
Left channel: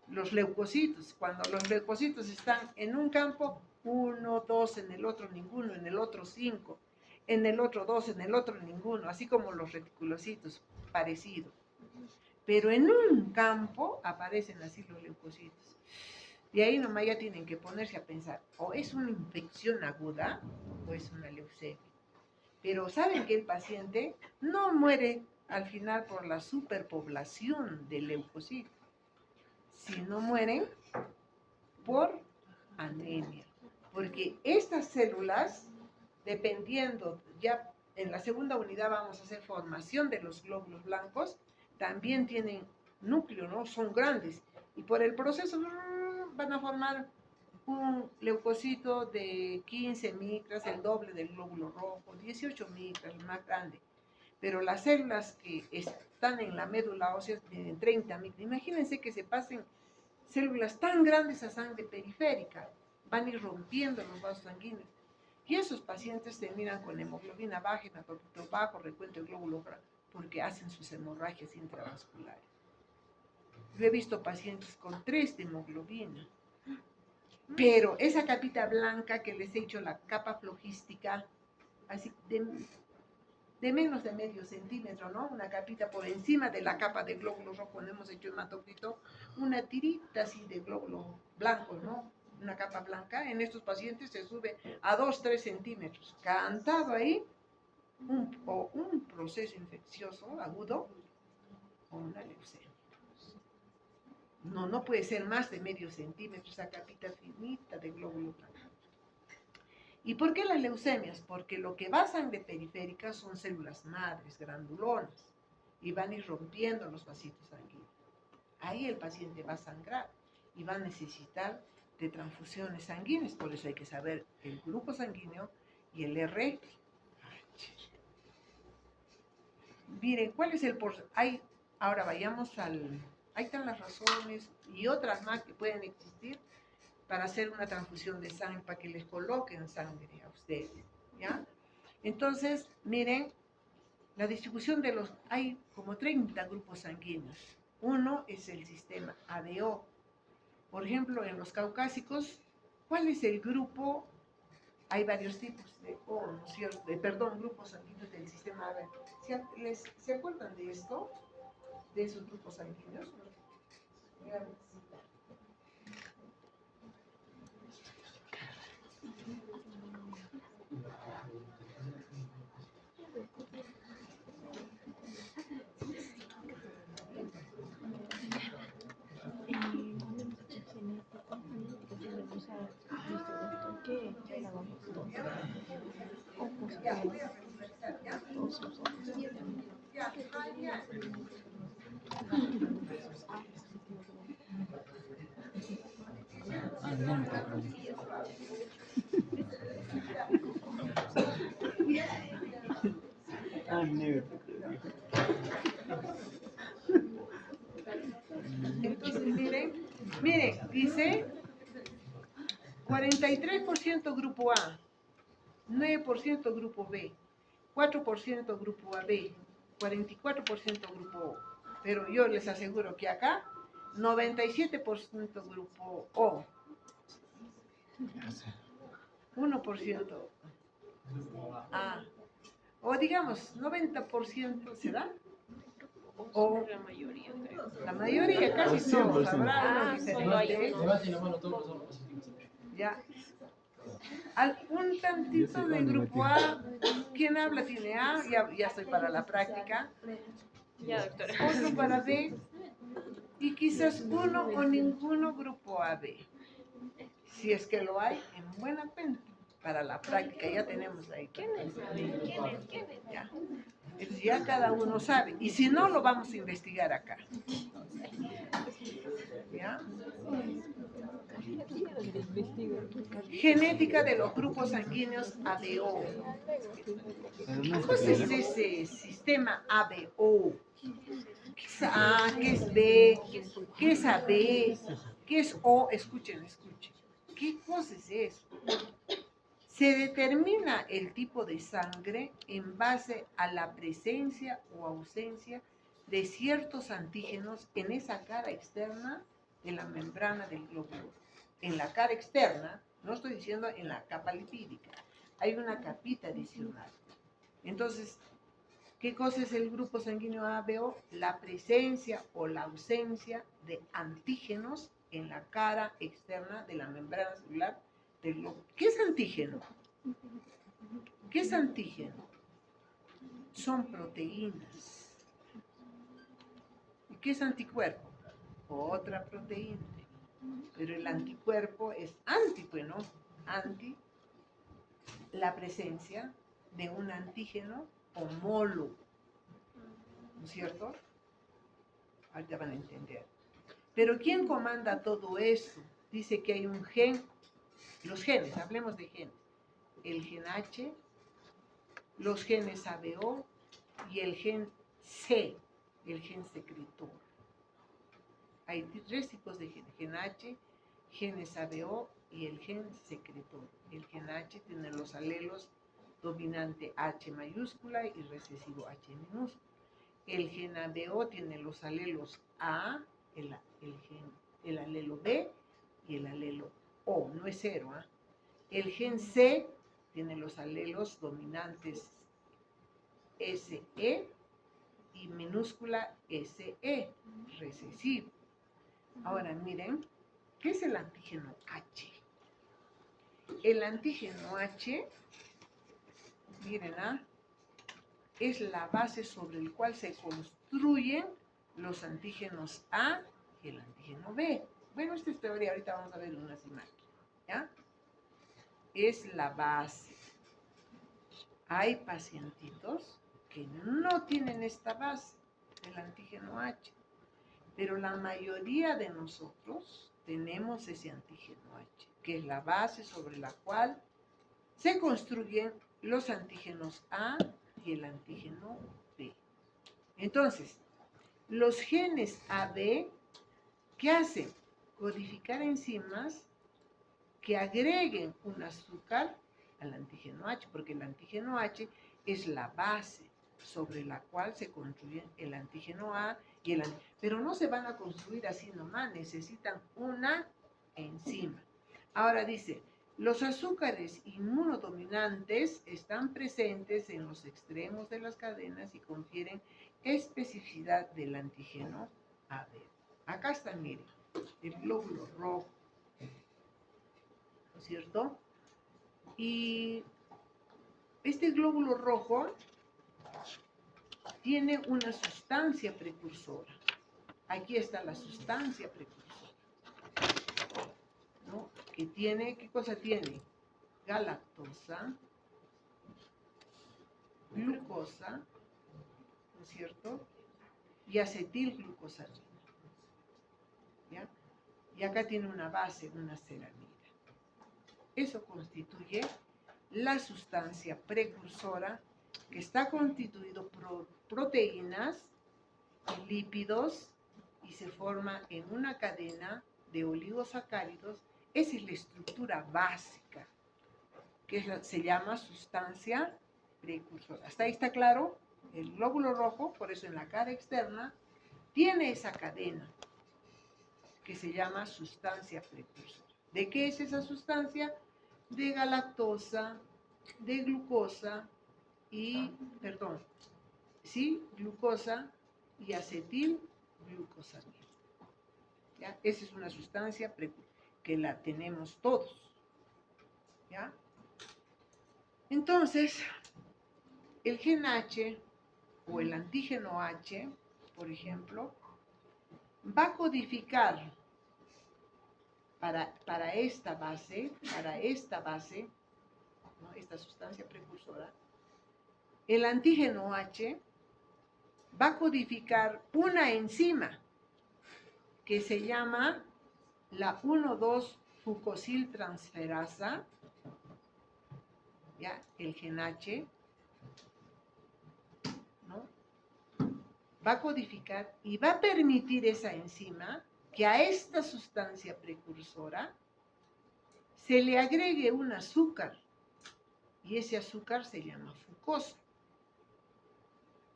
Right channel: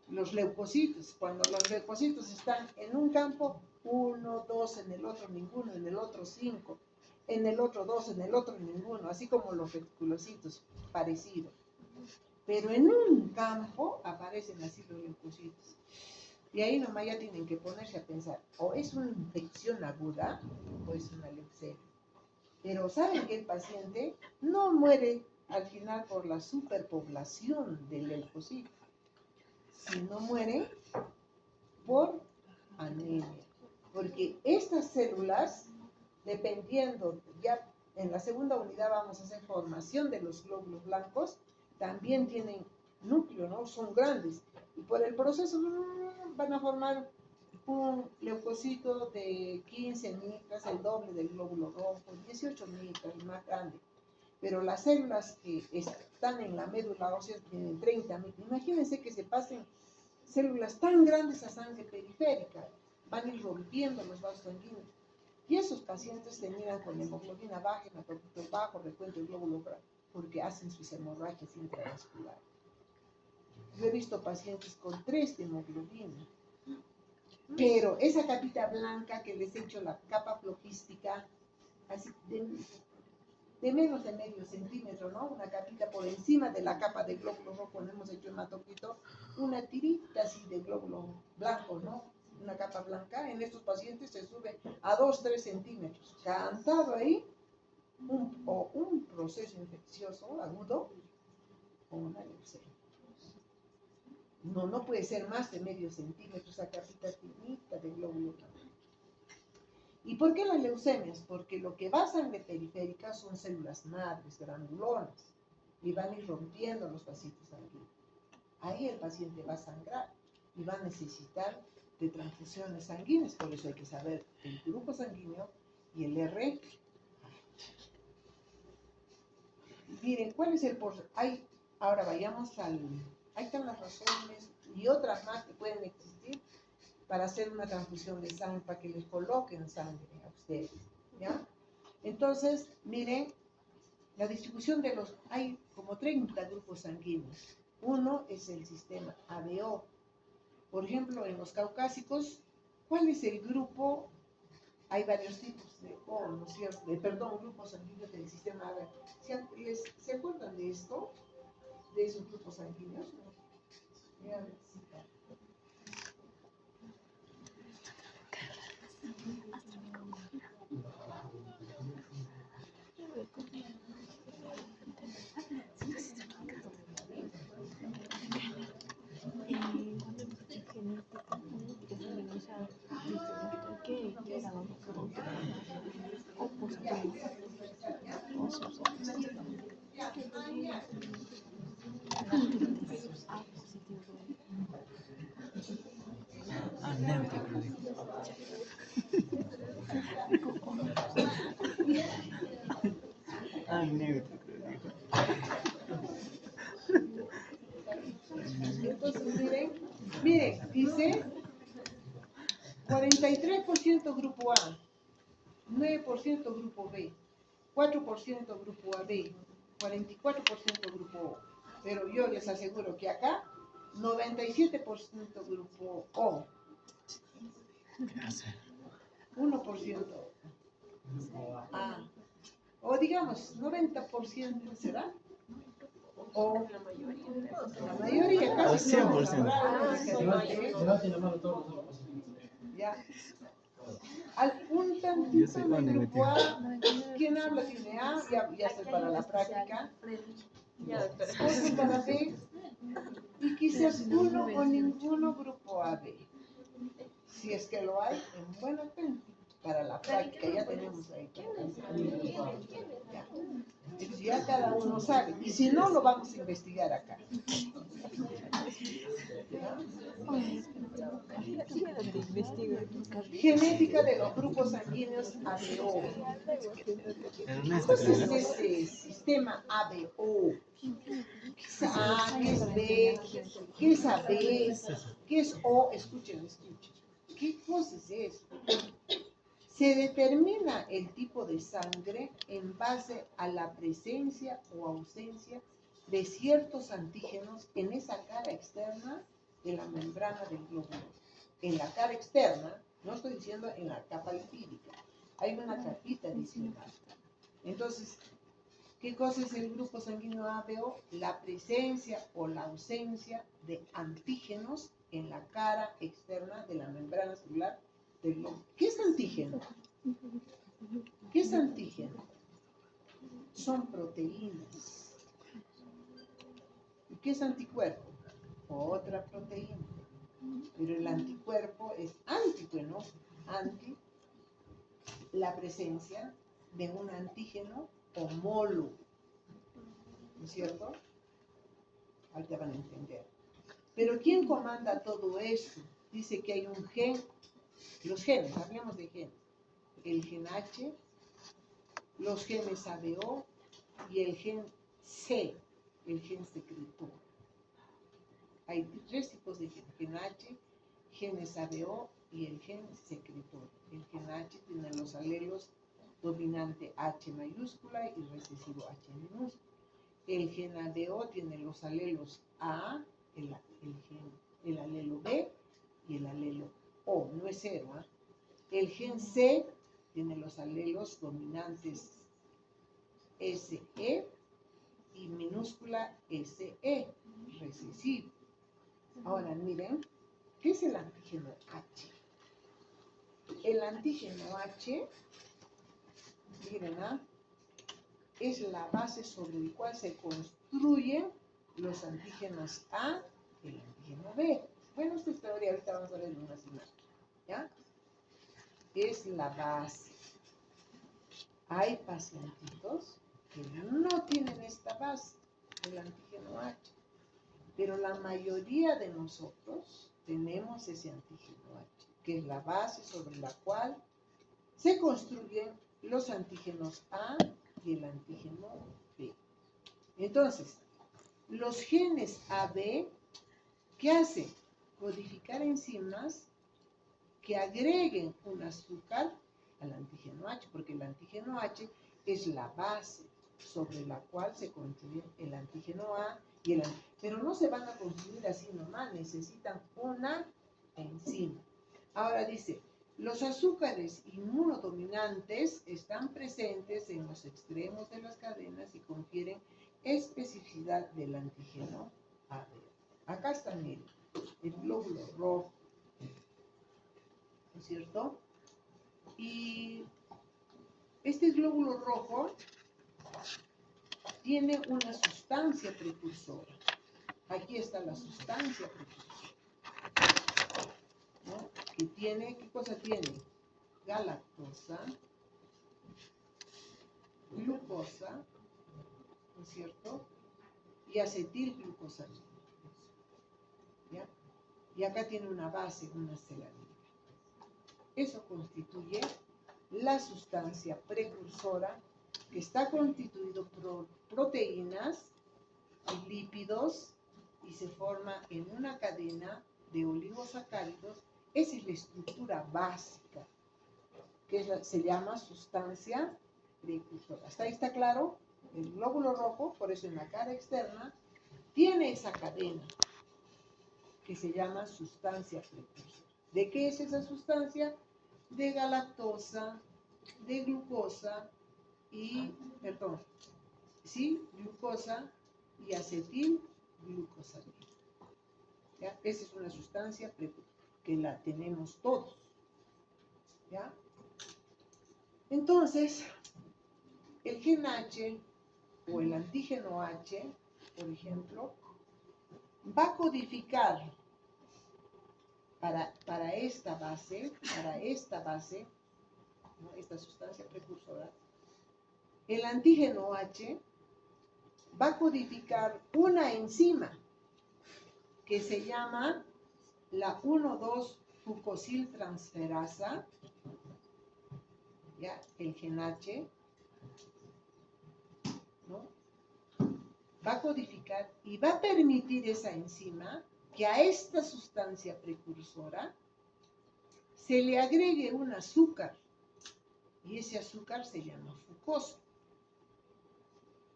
los leucocitos. Cuando los leucocitos están en un campo, 1, 2, en el otro ninguno, en el otro 5, en el otro 2, en el otro ninguno, así como los reticulocitos, parecido. Pero en un campo aparecen así los leucocitos. Y ahí nomás ya tienen que ponerse a pensar, o es una infección aguda o es una leucemia. Pero saben que el paciente no muere al final por la superpoblación de leucocitos, sino mueren por anemia. Porque estas células, dependiendo, ya en la segunda unidad vamos a hacer formación de los glóbulos blancos, también tienen núcleo, ¿no? Son grandes. Y por el proceso van a formar un leucocito de 15 micras, el doble del glóbulo rojo, 18 micras, el más grande. Pero las células que están en la médula ósea tienen 30 micras. Imagínense que se pasen células tan grandes a sangre periférica, van a ir rompiendo los vasos sanguíneos. Y esos pacientes terminan con hemoglobina baja, hematocrito bajo, recuento de glóbulo blanco, porque hacen sus hemorragias intravasculares. Yo he visto pacientes con 3 de hemoglobina, pero esa capita blanca que les he hecho, la capa flojística, así de menos de medio centímetro, ¿no? Una capita por encima de la capa de glóbulo rojo, cuando hemos hecho hematocrito, una tirita así de glóbulo blanco, ¿no? Una capa blanca, en estos pacientes se sube a 2-3 centímetros. Cantado ahí, un proceso infeccioso agudo o una leucemia. No puede ser más de medio centímetro, esa capita finita de glóbulo blanco. ¿Y por qué las leucemias? Porque lo que va a sangre periférica son células madres, granulonas, y van a ir rompiendo los vasitos sanguíneos. Ahí el paciente va a sangrar y va a necesitar de transfusiones sanguíneas, por eso hay que saber el grupo sanguíneo y el RH. Miren, ¿cuál es el porcentaje? Ahora vayamos ahí están las razones y otras más que pueden existir para hacer una transfusión de sangre, para que les coloquen sangre a ustedes, ¿ya? Entonces, miren, la distribución de hay como 30 grupos sanguíneos. Uno es el sistema ABO. Por ejemplo, en los caucásicos, ¿cuál es el grupo? Hay varios tipos de O, ¿no es cierto? Grupos sanguíneos del sistema ABO. ¿Se acuerdan de esto? De esos grupos sanguíneos. Entonces, miren, dice 43% grupo A, 9% grupo B, 4% grupo AB, 44% grupo O. Pero yo les aseguro que acá 97% grupo O, 1% A, o digamos 90% será. O la mayoría casi todos habrá diferente. Levanten la mano todos los hombres. Ya. Un tantito de grupo A. ¿Quién habla tiene A? Ya estoy para la práctica. Ya, doctora. Otro para B. Y quizás uno o ninguno grupo AB. Si es que lo hay, en buena cuenta. Para la práctica ya tenemos ahí. ¿Quién es? Ya. Entonces ya cada uno sabe. Y si no, lo vamos a investigar acá. ¿Ya? Genética de los grupos sanguíneos ABO. ¿Qué cosa es ese sistema ABO? ¿Qué es A? ¿Qué es B? ¿Qué es AB? ¿Qué es O? Escuchen. ¿Qué cosa es eso? Se determina el tipo de sangre en base a la presencia o ausencia de ciertos antígenos en esa cara externa de la membrana del glóbulo. En la cara externa, no estoy diciendo en la capa lipídica, hay una capita adicional. Entonces, ¿qué cosa es el grupo sanguíneo ABO? La presencia o la ausencia de antígenos en la cara externa de la membrana celular del glóbulo. ¿Qué es antígeno? ¿Qué es antígeno? Son proteínas. ¿Y qué es anticuerpo? Otra proteína. Pero el anticuerpo es ¿no? Anti, la presencia de un antígeno homólogo. ¿No es cierto? Ahorita van a entender. Pero ¿quién comanda todo eso? Dice que hay un gen, los genes, hablemos de genes. El gen H, los genes ABO y el gen C, el gen secretor. Hay tres tipos de genes, gen H, genes ABO y el gen secretor. El gen H tiene los alelos dominante H mayúscula y recesivo H minúscula. El gen ABO tiene los alelos A, el alelo B y el alelo O, no es cero. El gen C tiene los alelos dominantes SE y minúscula SE, recesivo. Ahora miren, ¿qué es el antígeno H? El antígeno H, miren, es la base sobre la cual se construyen los antígenos A y el antígeno B. Bueno, esta es teoría, ahorita vamos a ver en unas imágenes, ¿ya? Es la base. Hay pacientitos que no tienen esta base, el antígeno H, pero la mayoría de nosotros tenemos ese antígeno H, que es la base sobre la cual se construyen los antígenos A y el antígeno B. Entonces, los genes AB, ¿qué hacen? Codificar enzimas que agreguen un azúcar al antígeno H, porque el antígeno H es la base sobre la cual se construye el antígeno A y el antígeno. Pero no se van a construir así nomás, necesitan una enzima. Ahora dice, los azúcares inmunodominantes están presentes en los extremos de las cadenas y confieren especificidad del antígeno AB. Acá está, miren, el glóbulo rojo, ¿no es cierto? Y este glóbulo rojo tiene una sustancia precursora. Aquí está la sustancia precursora, ¿no? Que tiene, ¿qué cosa tiene? Galactosa, glucosa, ¿no es cierto? Y acetilglucosamina, ¿ya? Y acá tiene una base, una ceramida. Eso constituye la sustancia precursora que está constituido por proteínas y lípidos y se forma en una cadena de oligosacáridos. Esa es la estructura básica, que se llama sustancia precursora. ¿Hasta ahí está claro? El glóbulo rojo, por eso en la cara externa, tiene esa cadena que se llama sustancia precursora. ¿De qué es esa sustancia? De galactosa, de glucosa y, glucosa y acetilglucosamina. ¿Ya? Esa es una sustancia que la tenemos todos. ¿Ya? Entonces, el gen H o el antígeno H, por ejemplo, va a codificar para esta base, ¿no? Esta sustancia precursora. El antígeno H va a codificar una enzima que se llama la 1,2-fucosiltransferasa, ya, el gen H, ¿no? Va a codificar y va a permitir esa enzima que a esta sustancia precursora se le agregue un azúcar, y ese azúcar se llama fucosa.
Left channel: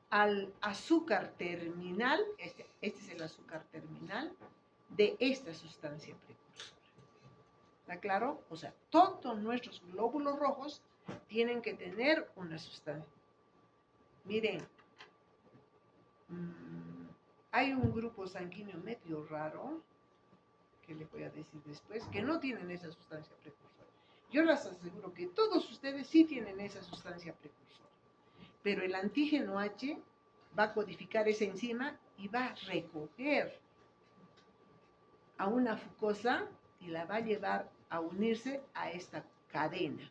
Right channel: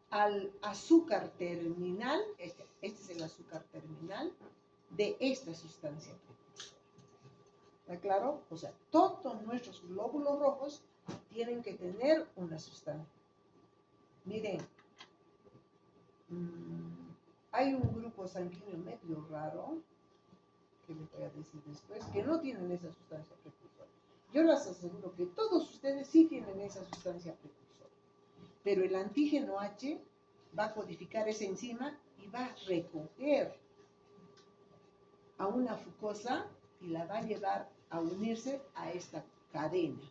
Al azúcar terminal, este es el azúcar terminal de esta sustancia precursora. ¿Está claro? O sea, todos nuestros glóbulos rojos tienen que tener una sustancia. Miren, hay un grupo sanguíneo medio raro, que les voy a decir después, que no tienen esa sustancia precursora. Yo les aseguro que todos ustedes sí tienen esa sustancia precursora. Pero el antígeno H va a codificar esa enzima y va a recoger a una fucosa y la va a llevar a unirse a esta cadena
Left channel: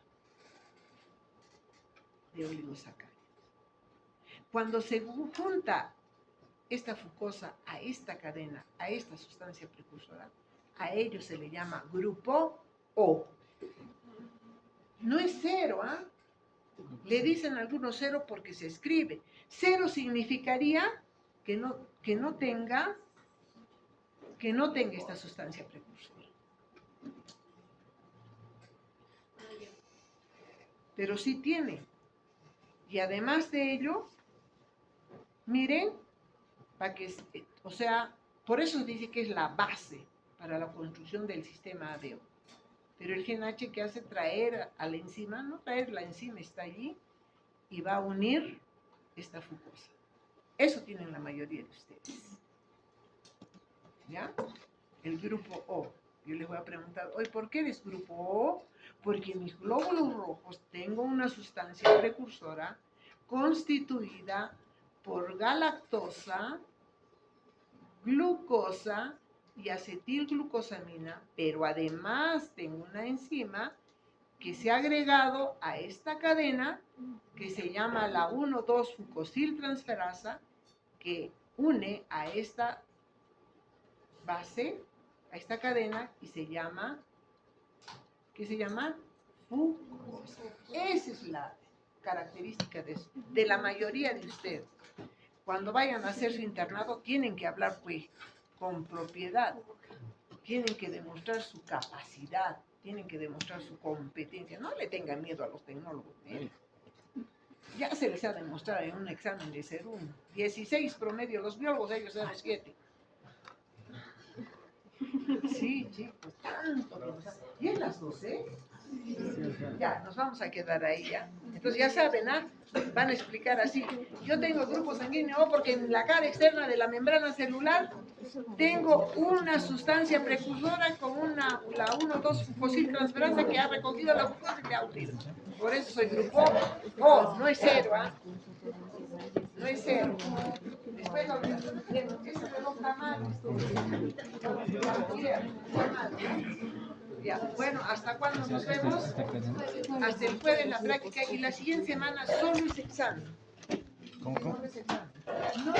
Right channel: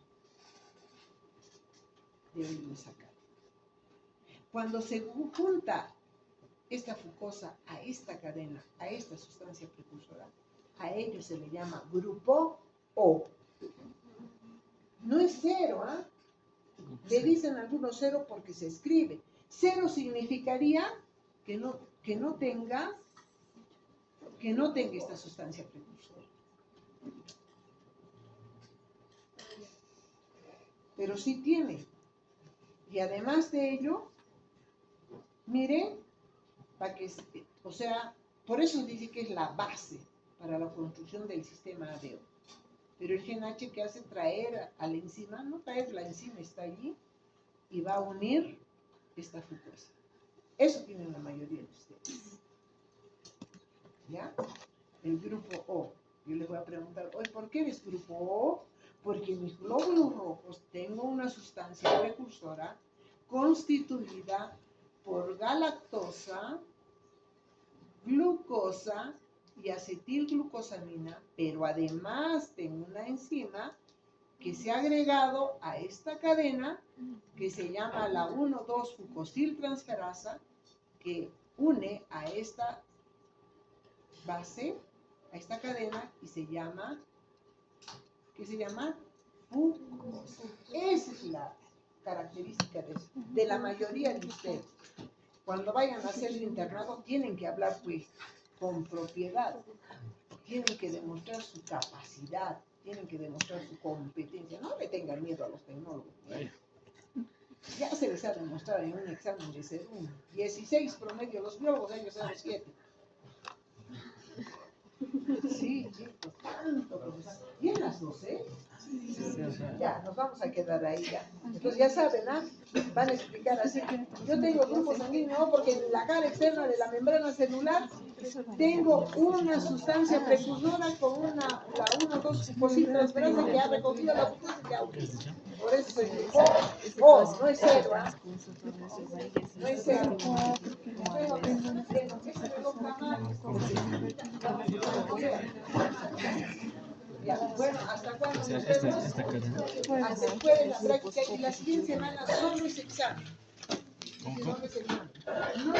de oligosacáridos. Cuando se junta esta fucosa a esta cadena, a esta sustancia precursora, a ello se le llama grupo O. No es cero, ¿ah? Le dicen algunos cero porque se escribe. Cero significaría que no tenga esta sustancia precursora. Pero sí tiene. Y además de ello, miren, o sea, por eso se dice que es la base para la construcción del sistema ABO. Pero el gen H, que hace traer a la enzima, no traer la enzima, está allí y va a unir esta fucosa. Eso tienen la mayoría de ustedes. ¿Ya? El grupo O. Yo les voy a preguntar, oye, ¿por qué eres grupo O? Porque en mis glóbulos rojos tengo una sustancia precursora constituida por galactosa, glucosa y acetilglucosamina, pero además tengo una enzima que se ha agregado a esta cadena que se llama la 1,2-fucosiltransferasa, que une a esta base, a esta cadena, y se llama, ¿qué se llama? Fucosa. Esa es la característica de la mayoría de ustedes. Cuando vayan a hacer su internado, tienen que hablar pues con propiedad, tienen que demostrar su capacidad, tienen que demostrar su competencia. No le tengan miedo a los tecnólogos. Ya se les ha demostrado en un examen de ser 16 promedio, los biólogos, ellos eran 7. Sí, chicos, tanto. ¿Y en las 12? Ya, nos vamos a quedar ahí ya. Entonces ya saben, ¿ah? Van a explicar así. Yo tengo grupo sanguíneo porque en la cara externa de la membrana celular tengo una sustancia precursora con la 1,2-fucosiltransferasa que ha recogido la fucosa y que ha unido. Por eso soy grupo O, no es cero, ¿ah? No es cero. Bueno, ese reloj está mal. Ya, bueno, ¿hasta cuándo nos vemos? Hasta el jueves la práctica y la siguiente semana solo es examen. ¿Cómo? Solo es examen. No